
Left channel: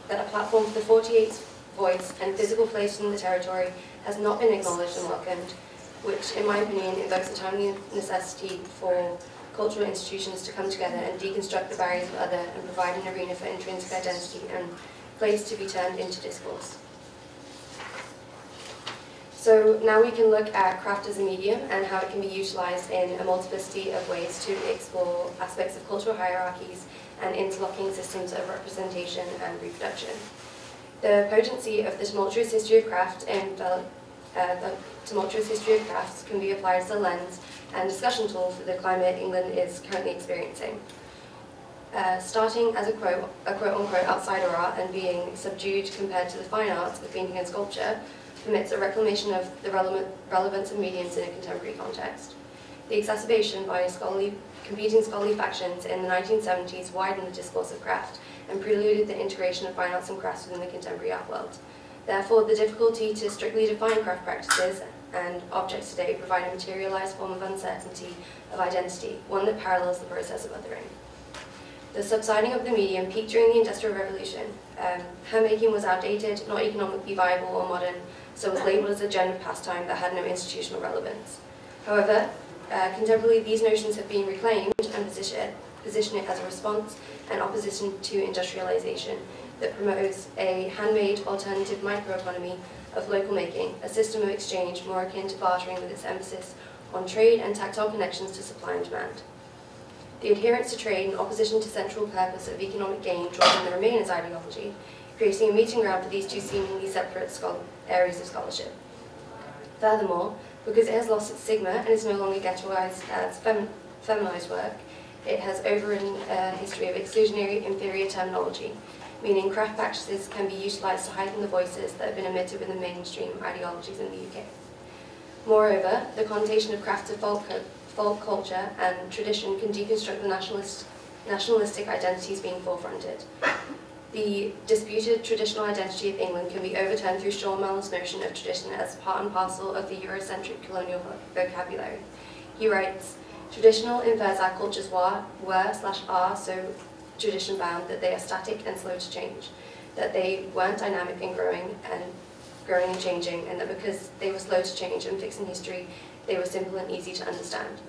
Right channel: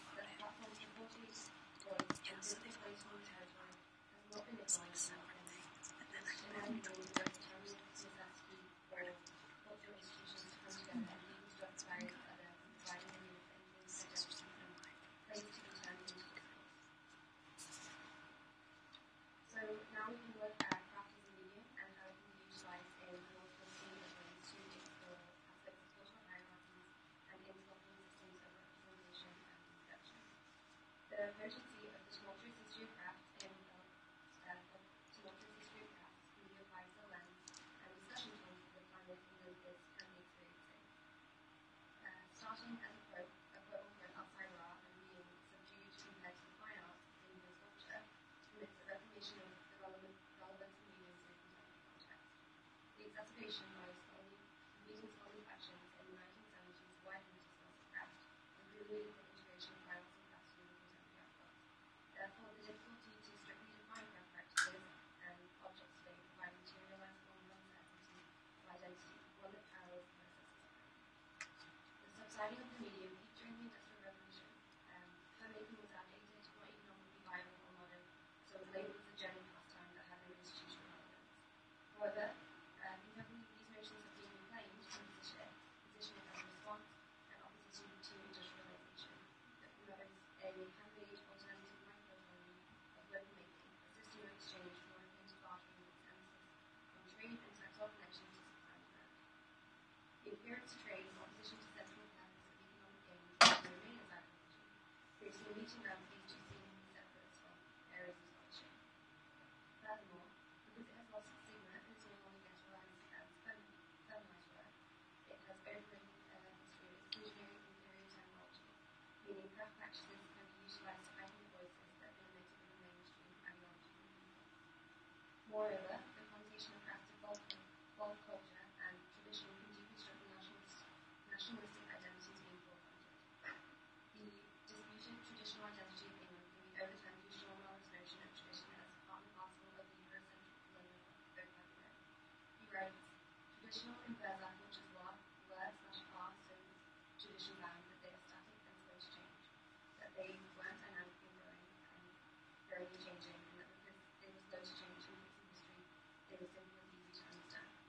that a platform for the 48's voice and physical place in the territory has not been acknowledged and welcomed, which, in my opinion, invokes a timely necessity for cultural institutions to come together and deconstruct the barriers of other and provide an arena for intrinsic identity and place to be turned into discourse. So now we can look at craft as a medium and how it can be utilised in a multiplicity of ways to explore aspects of cultural hierarchies and interlocking systems of representation and reproduction. The potency of the tumultuous history of craft and the tumultuous history of crafts can be applied as a lens and discussion tool for the climate England is currently experiencing. Starting as a quote-unquote outsider art and being subdued compared to the fine arts of painting and sculpture permits a reclamation of the relevance of mediums in a contemporary context. The exacerbation by competing scholarly factions in the 1970s widened the discourse of craft and preluded the integration of fine arts and crafts within the contemporary art world. Therefore, the difficulty to strictly define craft practices and objects today provide a materialised form of uncertainty of identity, one that parallels the process of othering. The subsiding of the medium peaked during the Industrial Revolution. Handmaking was outdated, not economically viable or modern, so was labelled as a gendered pastime that had no institutional relevance. However, contemporarily these notions have been reclaimed and position it as a response and opposition to industrialisation that promotes a handmade alternative microeconomy of local making, a system of exchange more akin to bartering with its emphasis on trade and tactile connections to supply and demand. The adherence to trade in opposition to central purpose of economic gain draws in the Remainers ideology, creating a meeting ground for these two seemingly separate areas of scholarship. Furthermore, because it has lost its stigma and is no longer ghettoized as feminized work, it has overridden a history of exclusionary inferior terminology, meaning craft practices can be utilised to heighten the voices that have been omitted within mainstream ideologies in the UK. Moreover, the connotation of craft to folk culture and tradition can deconstruct the nationalistic identities being forefronted. The disputed traditional identity of England can be overturned through Sean Mellon's notion of tradition as part and parcel of the Eurocentric colonial vocabulary. He writes, "Traditional infers our cultures were/are so tradition-bound that they are static and slow to change, that they weren't dynamic and growing and changing, and that because they were slow to change and fixed in history, they were simple and easy to understand.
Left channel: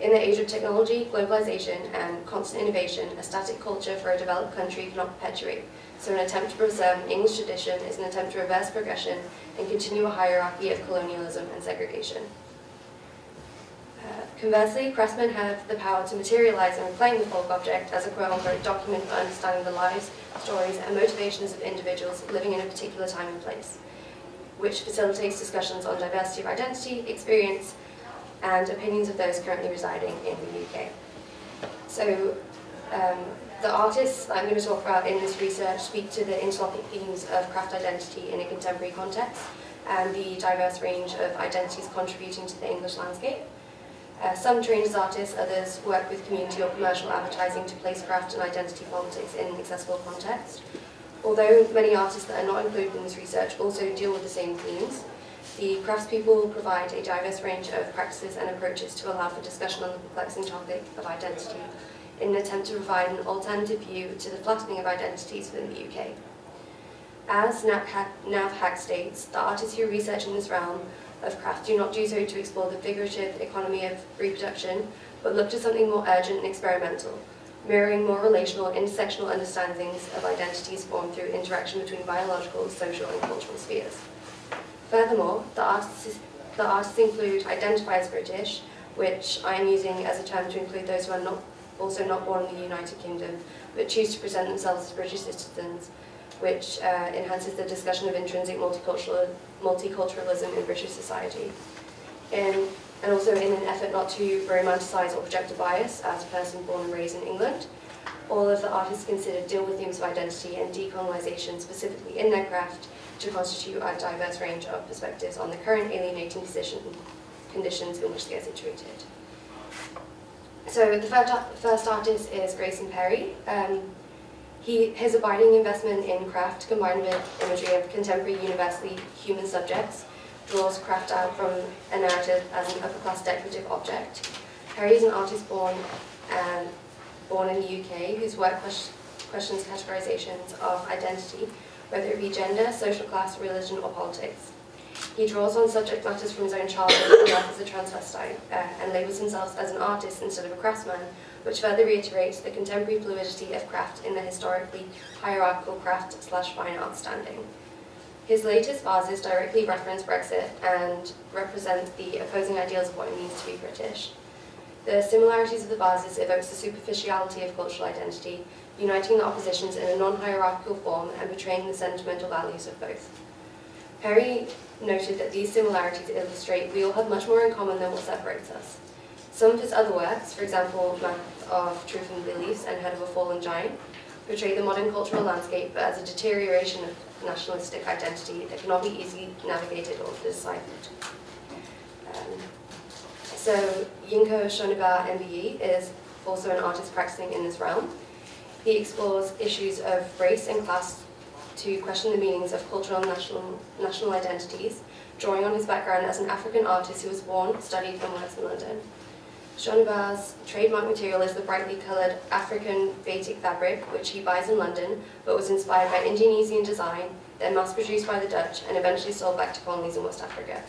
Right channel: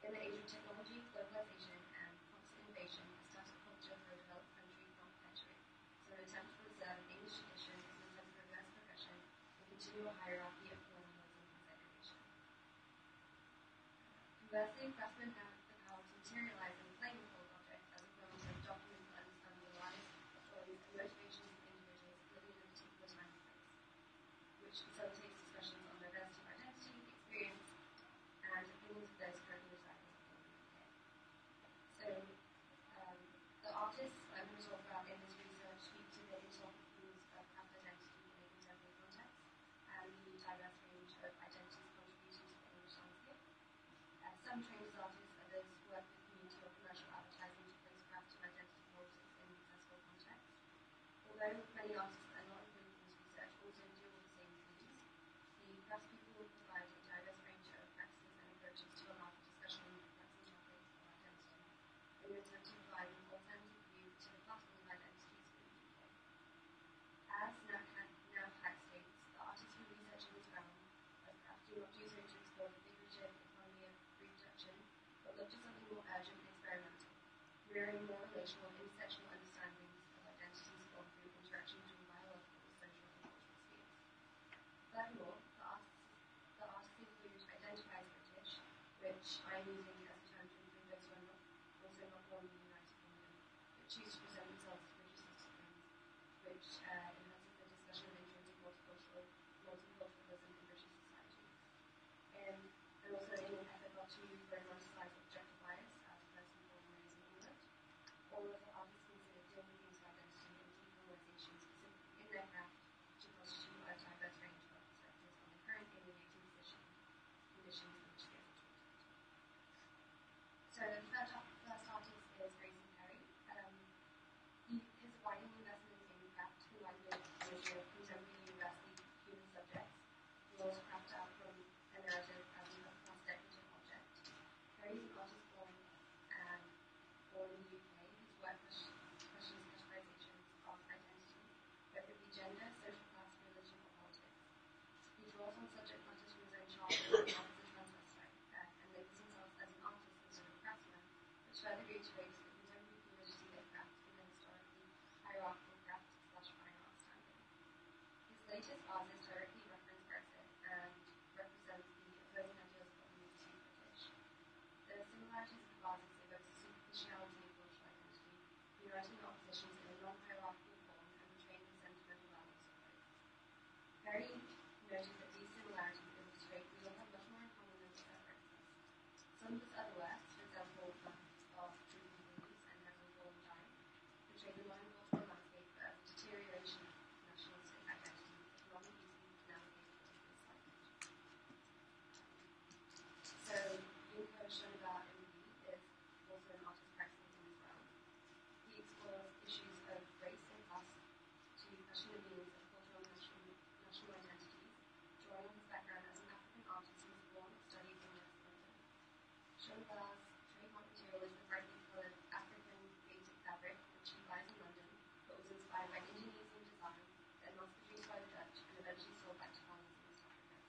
In the age of technology, globalization, and constant innovation, a static culture for a developed country cannot perpetuate, so an attempt to preserve an English tradition is an attempt to reverse progression and continue a hierarchy of colonialism and segregation." Conversely, craftsmen have the power to materialize and reclaim the folk object as a quote-unquote document for understanding the lives, stories, and motivations of individuals living in a particular time and place, which facilitates discussions on diversity of identity, experience, and opinions of those currently residing in the UK. So, the artists that I'm going to talk about in this research speak to the interlocking themes of craft identity in a contemporary context and the diverse range of identities contributing to the English landscape. Some trained as artists, others work with community or commercial advertising to place craft and identity politics in an accessible context. Although many artists that are not included in this research also deal with the same themes, the craftspeople provide a diverse range of practices and approaches to allow for discussion on the perplexing topic of identity in an attempt to provide an alternative view to the flattening of identities within the UK. As Nav Hack states, the artists who research in this realm of craft do not do so to explore the figurative economy of reproduction, but look to something more urgent and experimental, mirroring more relational, intersectional understandings of identities formed through interaction between biological, social, and cultural spheres. Furthermore, the artists include identify as British, which I am using as a term to include those who are also not born in the United Kingdom, but choose to present themselves as British citizens, which enhances the discussion of intrinsic multiculturalism in British society. And also in an effort not to romanticise or project a bias as a person born and raised in England, all of the artists considered deal with themes of identity and decolonisation specifically in their craft to constitute a diverse range of perspectives on the current alienating conditions in which they are situated. So the first artist is Grayson Perry. His abiding investment in craft, combined with imagery of contemporary universally human subjects, draws craft out from a narrative as an upper-class decorative object. Perry is an artist born in the UK whose work questions categorizations of identity, whether it be gender, social class, religion, or politics. He draws on subject matters from his own childhood and life as a transvestite, and labels himself as an artist instead of a craftsman, which further reiterates the contemporary fluidity of craft in the historically hierarchical craft/fine art standing. His latest vases directly reference Brexit and represent the opposing ideals of what it means to be British. The similarities of the vases evokes the superficiality of cultural identity, uniting the oppositions in a non-hierarchical form and portraying the sentimental values of both. Perry noted that these similarities illustrate we all have much more in common than what separates us. Some of his other works, for example, Map of Truth and Beliefs and Head of a Fallen Giant, portray the modern cultural landscape but as a deterioration of nationalistic identity that cannot be easily navigated or deciphered. So Yinko Shoniba MBE is also an artist practicing in this realm. He explores issues of race and class to question the meanings of cultural and national identities, drawing on his background as an African artist who was born, studied and works in London. Shoniba's trademark material is the brightly coloured African batik fabric, which he buys in London, but was inspired by Indonesian design, then mass-produced by the Dutch, and eventually sold back to colonies in West Africa.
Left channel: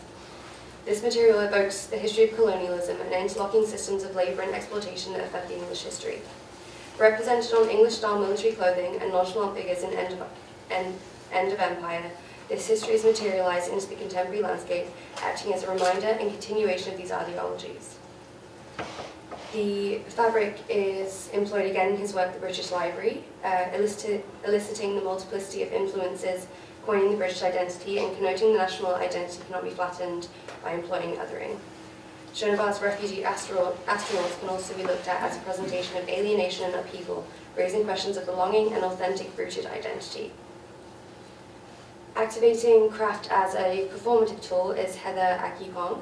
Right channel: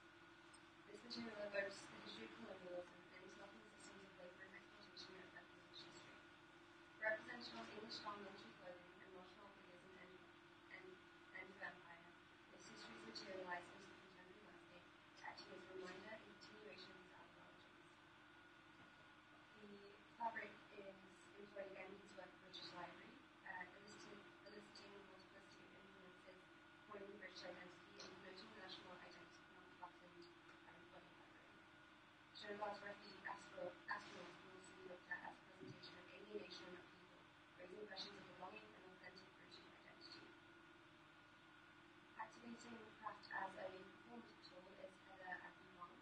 This material evokes the history of colonialism and interlocking systems of labour and exploitation that affect the English history. Represented on English-style military clothing and nonchalant figures in End of Empire, this history is materialised into the contemporary landscape, acting as a reminder and continuation of these ideologies. The fabric is employed again in his work, The British Library, eliciting the multiplicity of influences, coining the British identity, and connoting the national identity cannot be flattened by employing othering. Shoniba's refugee astronauts can also be looked at as a presentation of alienation and upheaval, raising questions of belonging and authentic rooted identity. Activating craft as a performative tool is Heather Akipong.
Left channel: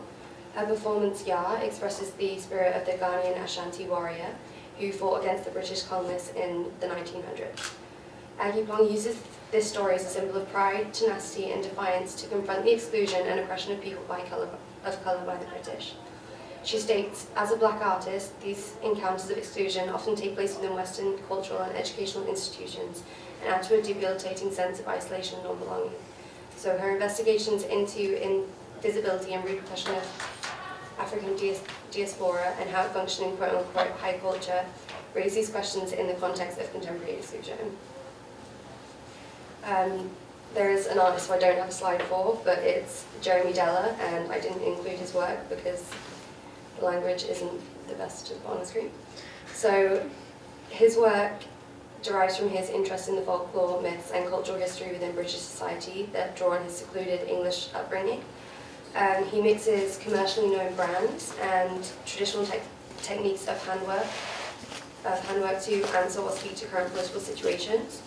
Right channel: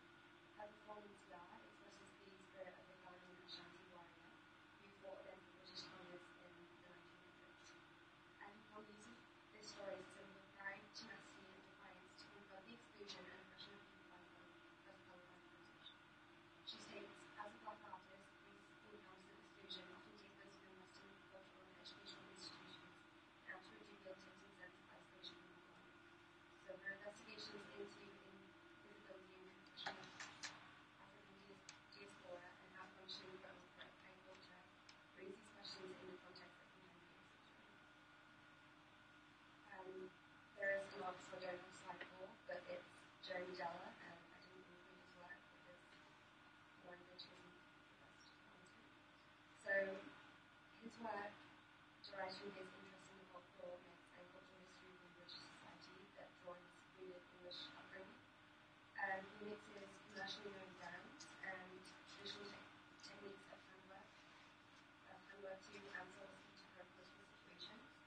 Her performance, Ya, expresses the spirit of the Ghanaian Ashanti warrior who fought against the British colonists in the 1900s. Akipong uses this story as a symbol of pride, tenacity and defiance to confront the exclusion and oppression of people of colour by the British. She states, as a black artist, these encounters of exclusion often take place within Western cultural and educational institutions and add to a debilitating sense of isolation and non-belonging. So her investigations into invisibility and repercussion of African diaspora and how it functions in quote-unquote high culture raise these questions in the context of contemporary exclusion. There is an artist who I don't have a slide for, but it's Jeremy Della, and I didn't include his work because the language isn't the best to put on the screen. So his work derives from his interest in the folklore, myths and cultural history within British society that draw on his secluded English upbringing. He mixes commercially known brands and traditional techniques of handwork to answer or speak to current political situations.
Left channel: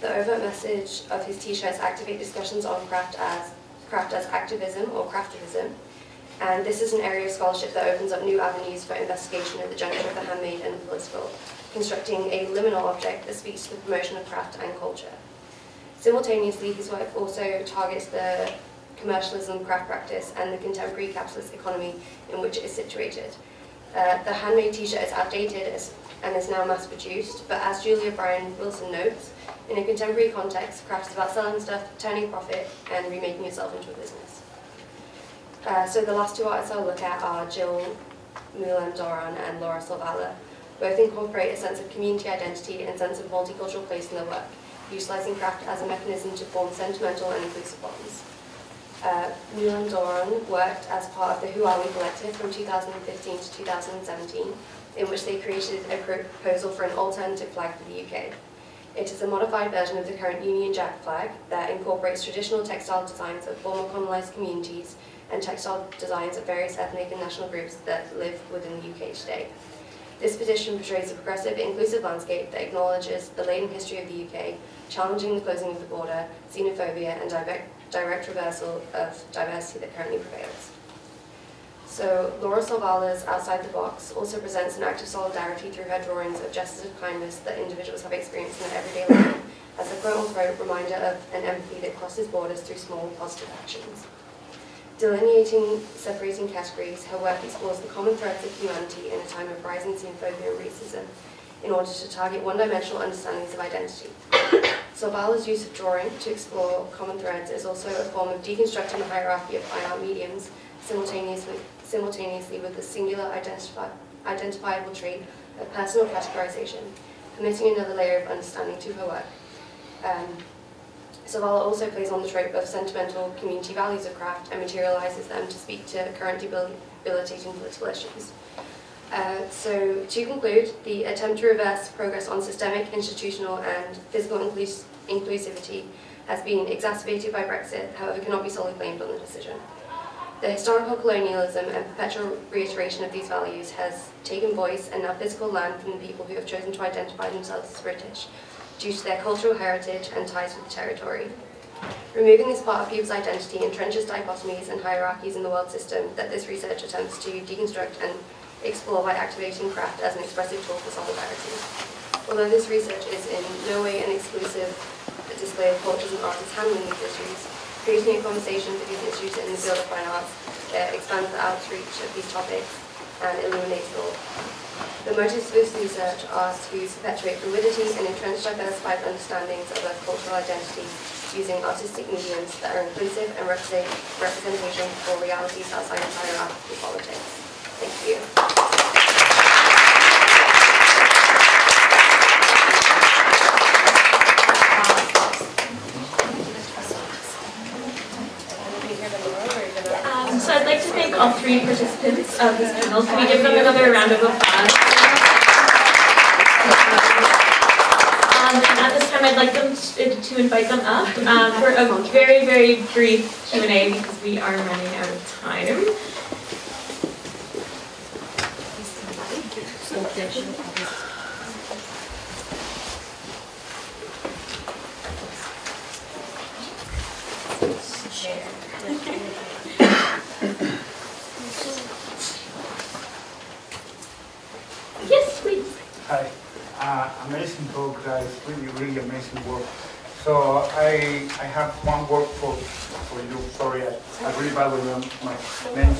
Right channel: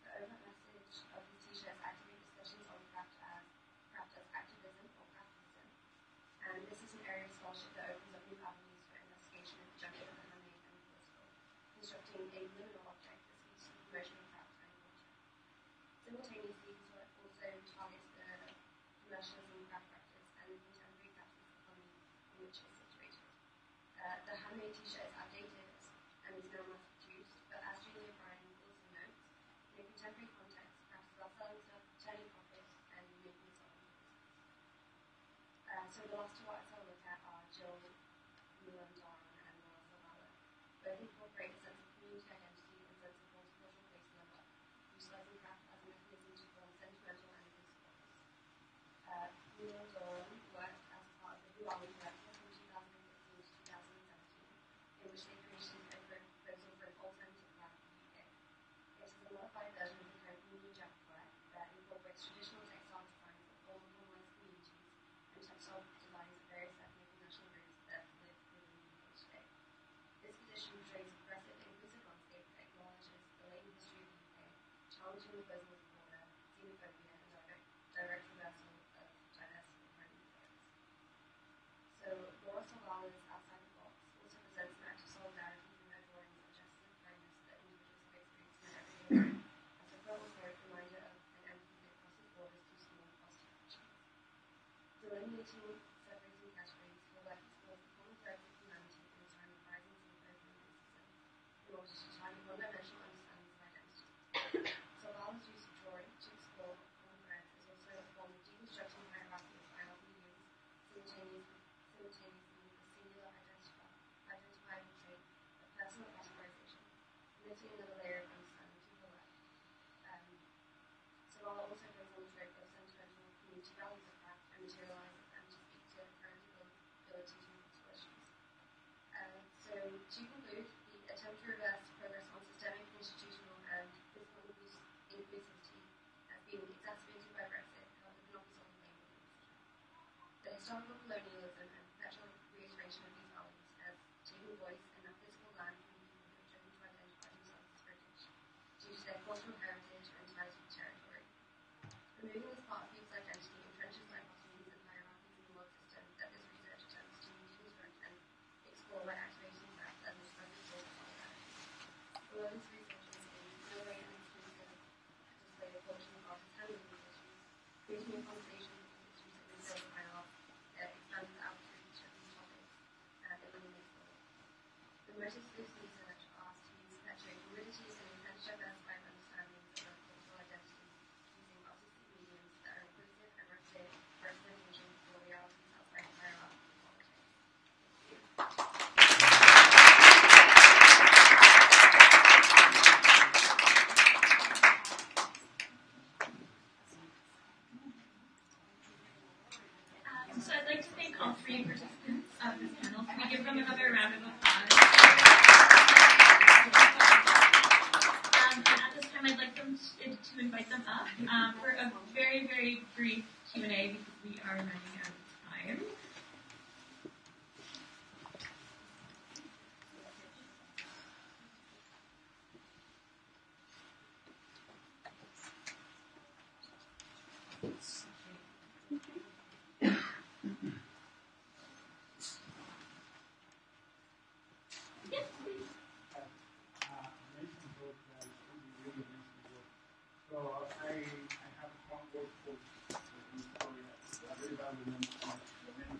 The overt message of his t-shirts activate discussions on craft as activism or craftivism, and this is an area of scholarship that opens up new avenues for investigation at the juncture of the handmade and the political, constructing a liminal object that speaks to the promotion of craft and culture. Simultaneously, his work also targets the commercialism, craft practice, and the contemporary capitalist economy in which it is situated. The handmade t-shirt is outdated and is now mass-produced, but as Julia Bryan Wilson notes, in a contemporary context, craft is about selling stuff, turning profit, and remaking yourself into a business. So the last two artists I'll look at are Jill Moulin-Doran and Laura Salvala. Both incorporate a sense of community identity and sense of multicultural place in their work, utilising craft as a mechanism to form sentimental and inclusive bonds. Moulin-Doran worked as part of the Who Are We collective from 2015 to 2017, in which they created a proposal for an alternative flag for the UK. It is a modified version of the current Union Jack flag that incorporates traditional textile designs of former colonised communities and textile designs of various ethnic and national groups that live within the UK today. This petition portrays a progressive, inclusive landscape that acknowledges the laden history of the UK, challenging the closing of the border, xenophobia, and direct reversal of diversity that currently prevails. So Laura Salvala's Outside the Box also presents an act of solidarity through her drawings of gestures of kindness that individuals have experienced in their everyday life as a quote-unquote reminder of an empathy that crosses borders through small positive actions. Delineating separating categories, her work explores the common threads of humanity in a time of rising xenophobia and racism in order to target one-dimensional understandings of identity. Salvala's use of drawing to explore common threads is also a form of deconstructing the hierarchy of fine art mediums simultaneously with the singular identifiable trait of personal categorization, permitting another layer of understanding to her work. Zavala also plays on the trope of sentimental community values of craft and materialises them to speak to current debilitating political issues. So to conclude, the attempt to reverse progress on systemic, institutional and physical inclusivity has been exacerbated by Brexit, however cannot be solely blamed on the decision. The historical colonialism and perpetual reiteration of these values has taken voice and now physical land from the people who have chosen to identify themselves as British due to their cultural heritage and ties with the territory. Removing this part of people's identity entrenches dichotomies and hierarchies in the world system that this research attempts to deconstruct and explore by activating craft as an expressive tool for solidarity. Although this research is in no way an exclusive display of cultures and artists handling these issues, creating a conversation for these issues in the field of fine arts expands the outreach of these topics and illuminates thought. The motives for this research are to perpetuate fluidity and entrench diversified understandings of both cultural identity using artistic mediums that are inclusive and representation for realities outside of hierarchical politics. Thank you. So I'd like to thank all three participants of this panel. Can we give them another round of applause? And at this time, I'd like them to invite them up for a very, very brief Q&A because we are running out of time. Yes, please. Hi. Amazing talk, guys. Really amazing work. So I have one word for you. Sorry, I really bad with my names.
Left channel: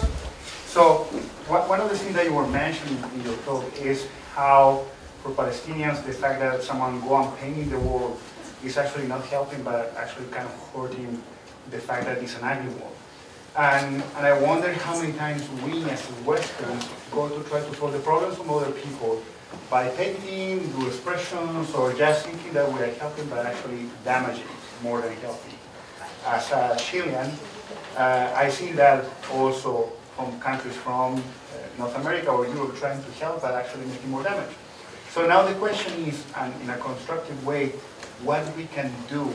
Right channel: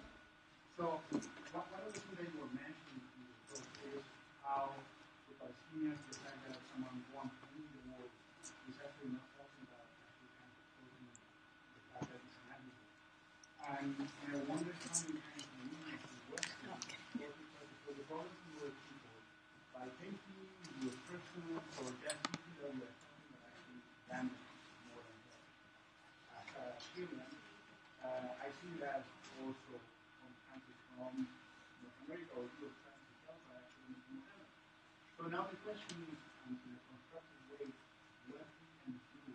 So one of the things that you were mentioning in your talk is how for Palestinians the fact that someone go on painting the wall is actually not helping, but actually kind of hurting the fact that it's an ugly wall. And I wonder how many times we as Westerns go to try to solve the problems from other people by painting, do expressions, or just thinking that we are helping, but actually damaging more than helping. As a Chilean, I see that also from countries from North America or Europe trying to help, but actually making more damage. So now the question is, and in a constructive way, what we can do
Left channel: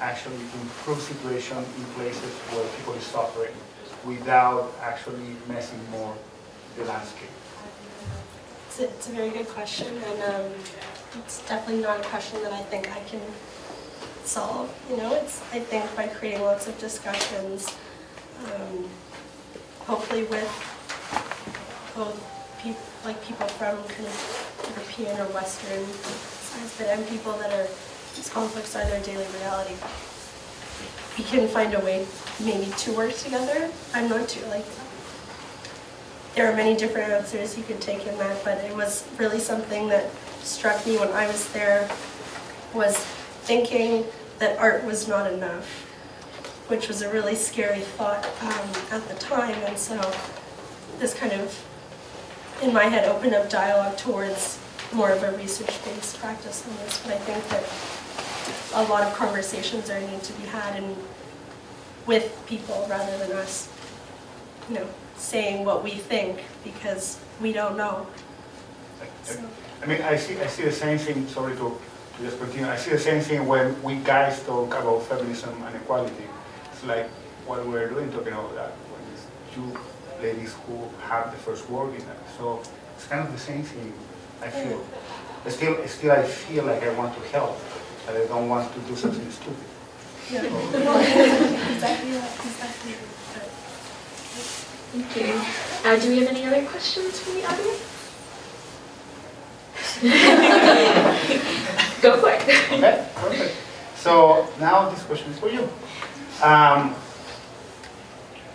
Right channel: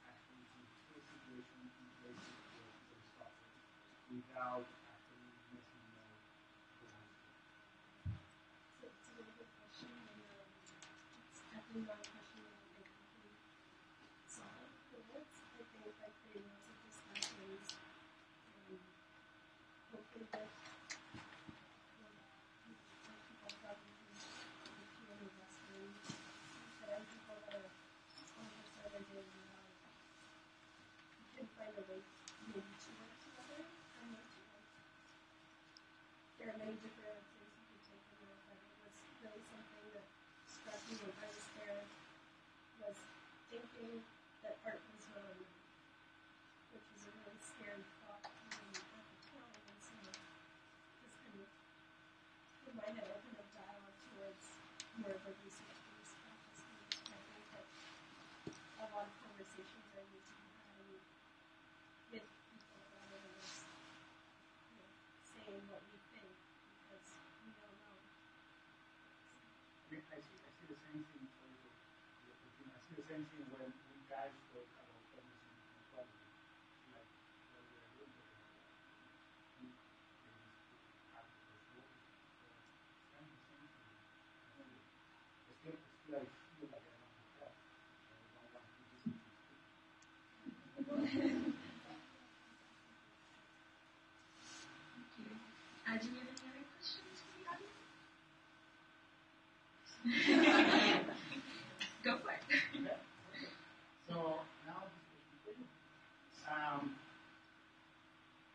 actually to improve situation in places where people is suffering without actually messing more the landscape. It's a very good question, and it's definitely not a question that I think I can solve. You know, it's, I think, by creating lots of discussions, hopefully with both people from kind of European or Western sides, but and people that are, these conflicts are their daily reality. We can find a way maybe to work together. I'm not too, like, there are many different answers you could take in that, but it was really something that struck me when I was there, was thinking that art was not enough, which was a really scary thought at the time. And so this kind of, in my head, opened up dialogue towards more of a research-based practice on this. But I think that a lot of conversations are need to be had and with people rather than us, you know, saying what we think because we don't know. So. I mean, I see the same thing. Sorry to just continue. I see the same thing when we guys talk about feminism and equality. It's like what we're doing talking about that when it's two ladies who have the first word in that. So it's kind of the same thing. I feel. Still, I feel like I want to help, but I don't want to do something stupid. Yeah. Exactly that. Exactly. Thank you. Do we have any other questions from the audience? Go for it. Okay, perfect. So now this question is for you.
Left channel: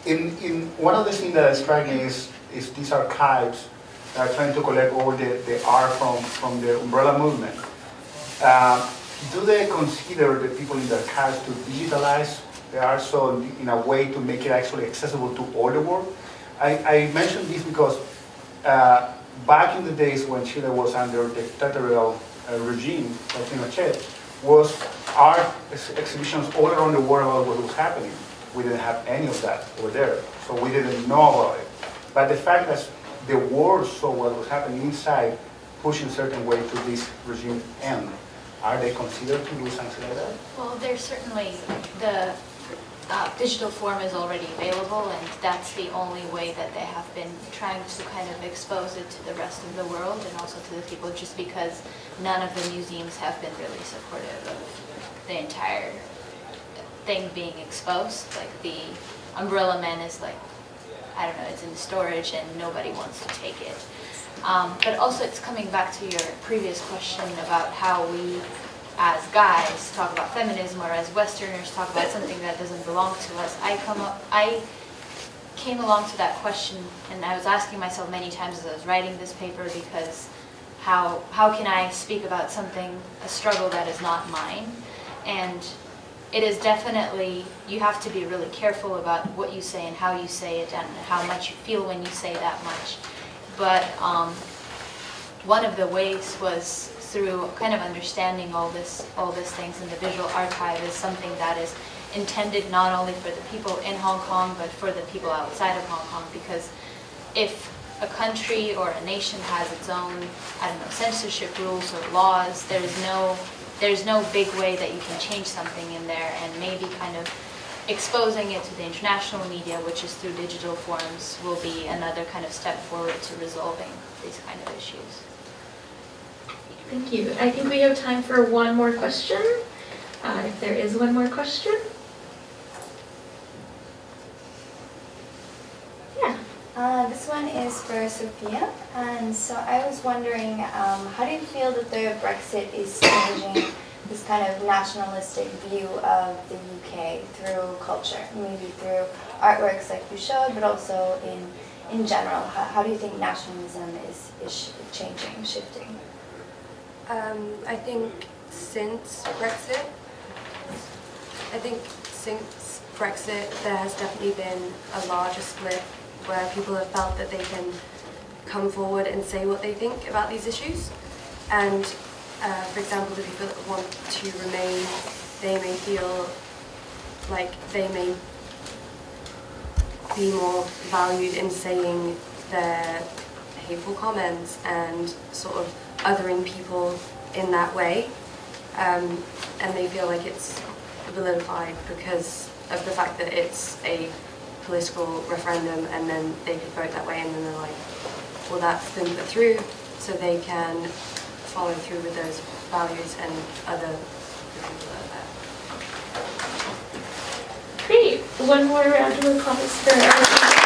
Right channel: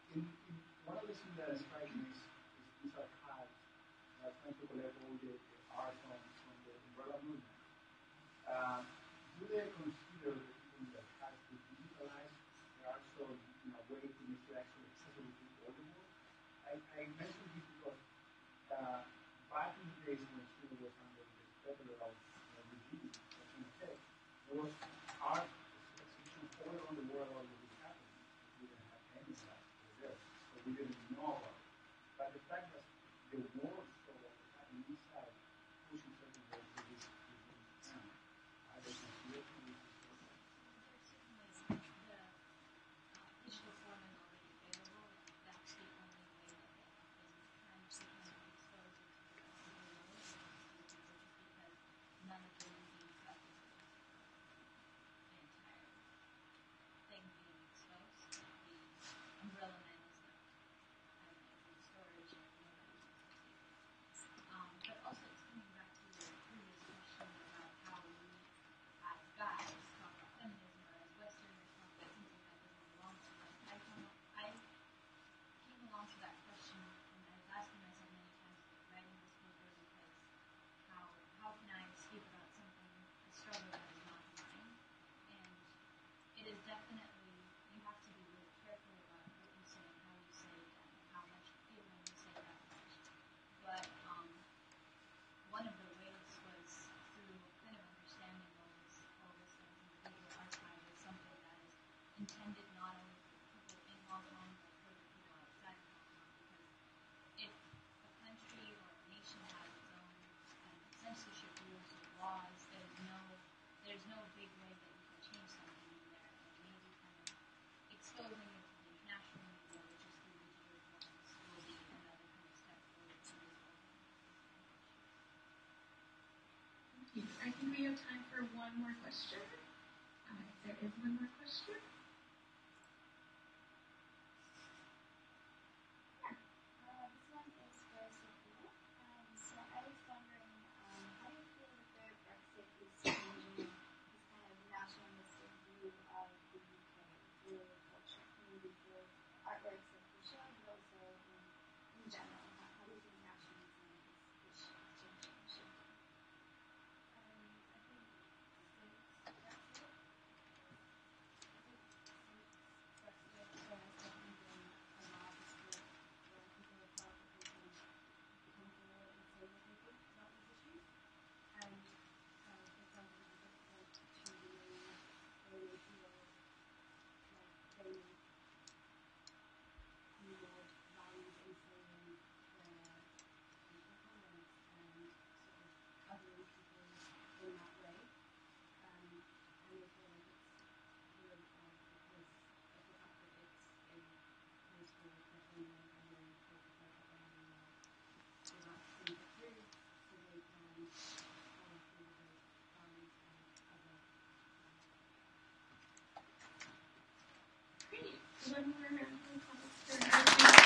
In one of the things that strike me is these archives that are trying to collect all the art from the umbrella movement. Do they consider the people in the archives to digitalize the art so in a way to make it actually accessible to all the world? I mentioned this because back in the days when Chile was under the dictatorial regime of Pinochet, was art exhibitions all around the world about what was happening. We didn't have any of that over there, so we didn't know about it. But the fact that the world saw what was happening inside, pushing certain way to this regime end, are they considered to do something like that? Well, there's certainly the digital form is already available, and that's the only way that they have been trying to kind of expose it to the rest of the world and also to the people, just because none of the museums have been really supportive of the entire thing being exposed. Like the Umbrella Man is like, I don't know, it's in storage and nobody wants to take it. But also it's coming back to your previous question about how we as guys talk about feminism, or as Westerners talk about something that doesn't belong to us. I came along to that question, and I was asking myself many times as I was writing this paper, because how can I speak about something, a struggle that is not mine? And it is definitely, you have to be really careful about what you say and how you say it and how much you feel when you say that much. But one of the ways was through kind of understanding all these things, and the visual archive is something that is intended not only for the people in Hong Kong, but for the people outside of Hong Kong. Because if a country or a nation has its own, I don't know, censorship rules or laws, there's no big way that you can change something in there, and maybe kind of exposing it to the international media, which is through digital forms, will be another kind of step forward to resolving these kind of issues. Thank you. I think we have time for one more question. If there is one more question. Yeah. This one is for Sophia. And so I was wondering, how do you feel that the Brexit is changing this kind of nationalistic view of the UK through culture, maybe through artworks like you showed, but also in general? How do you think nationalism is changing, shifting? I think since Brexit, there has definitely been a larger split where people have felt that they can come forward and say what they think about these issues. And for example, the people that want to remain, they may feel like they may be more valued in saying their hateful comments and sort of othering people in that way, and they feel like it's vilified because of the fact that it's a political referendum, and then they could vote that way, and then they're like, well, that's been put through, so they can follow through with those values and other people like that. Great. One more round of applause for our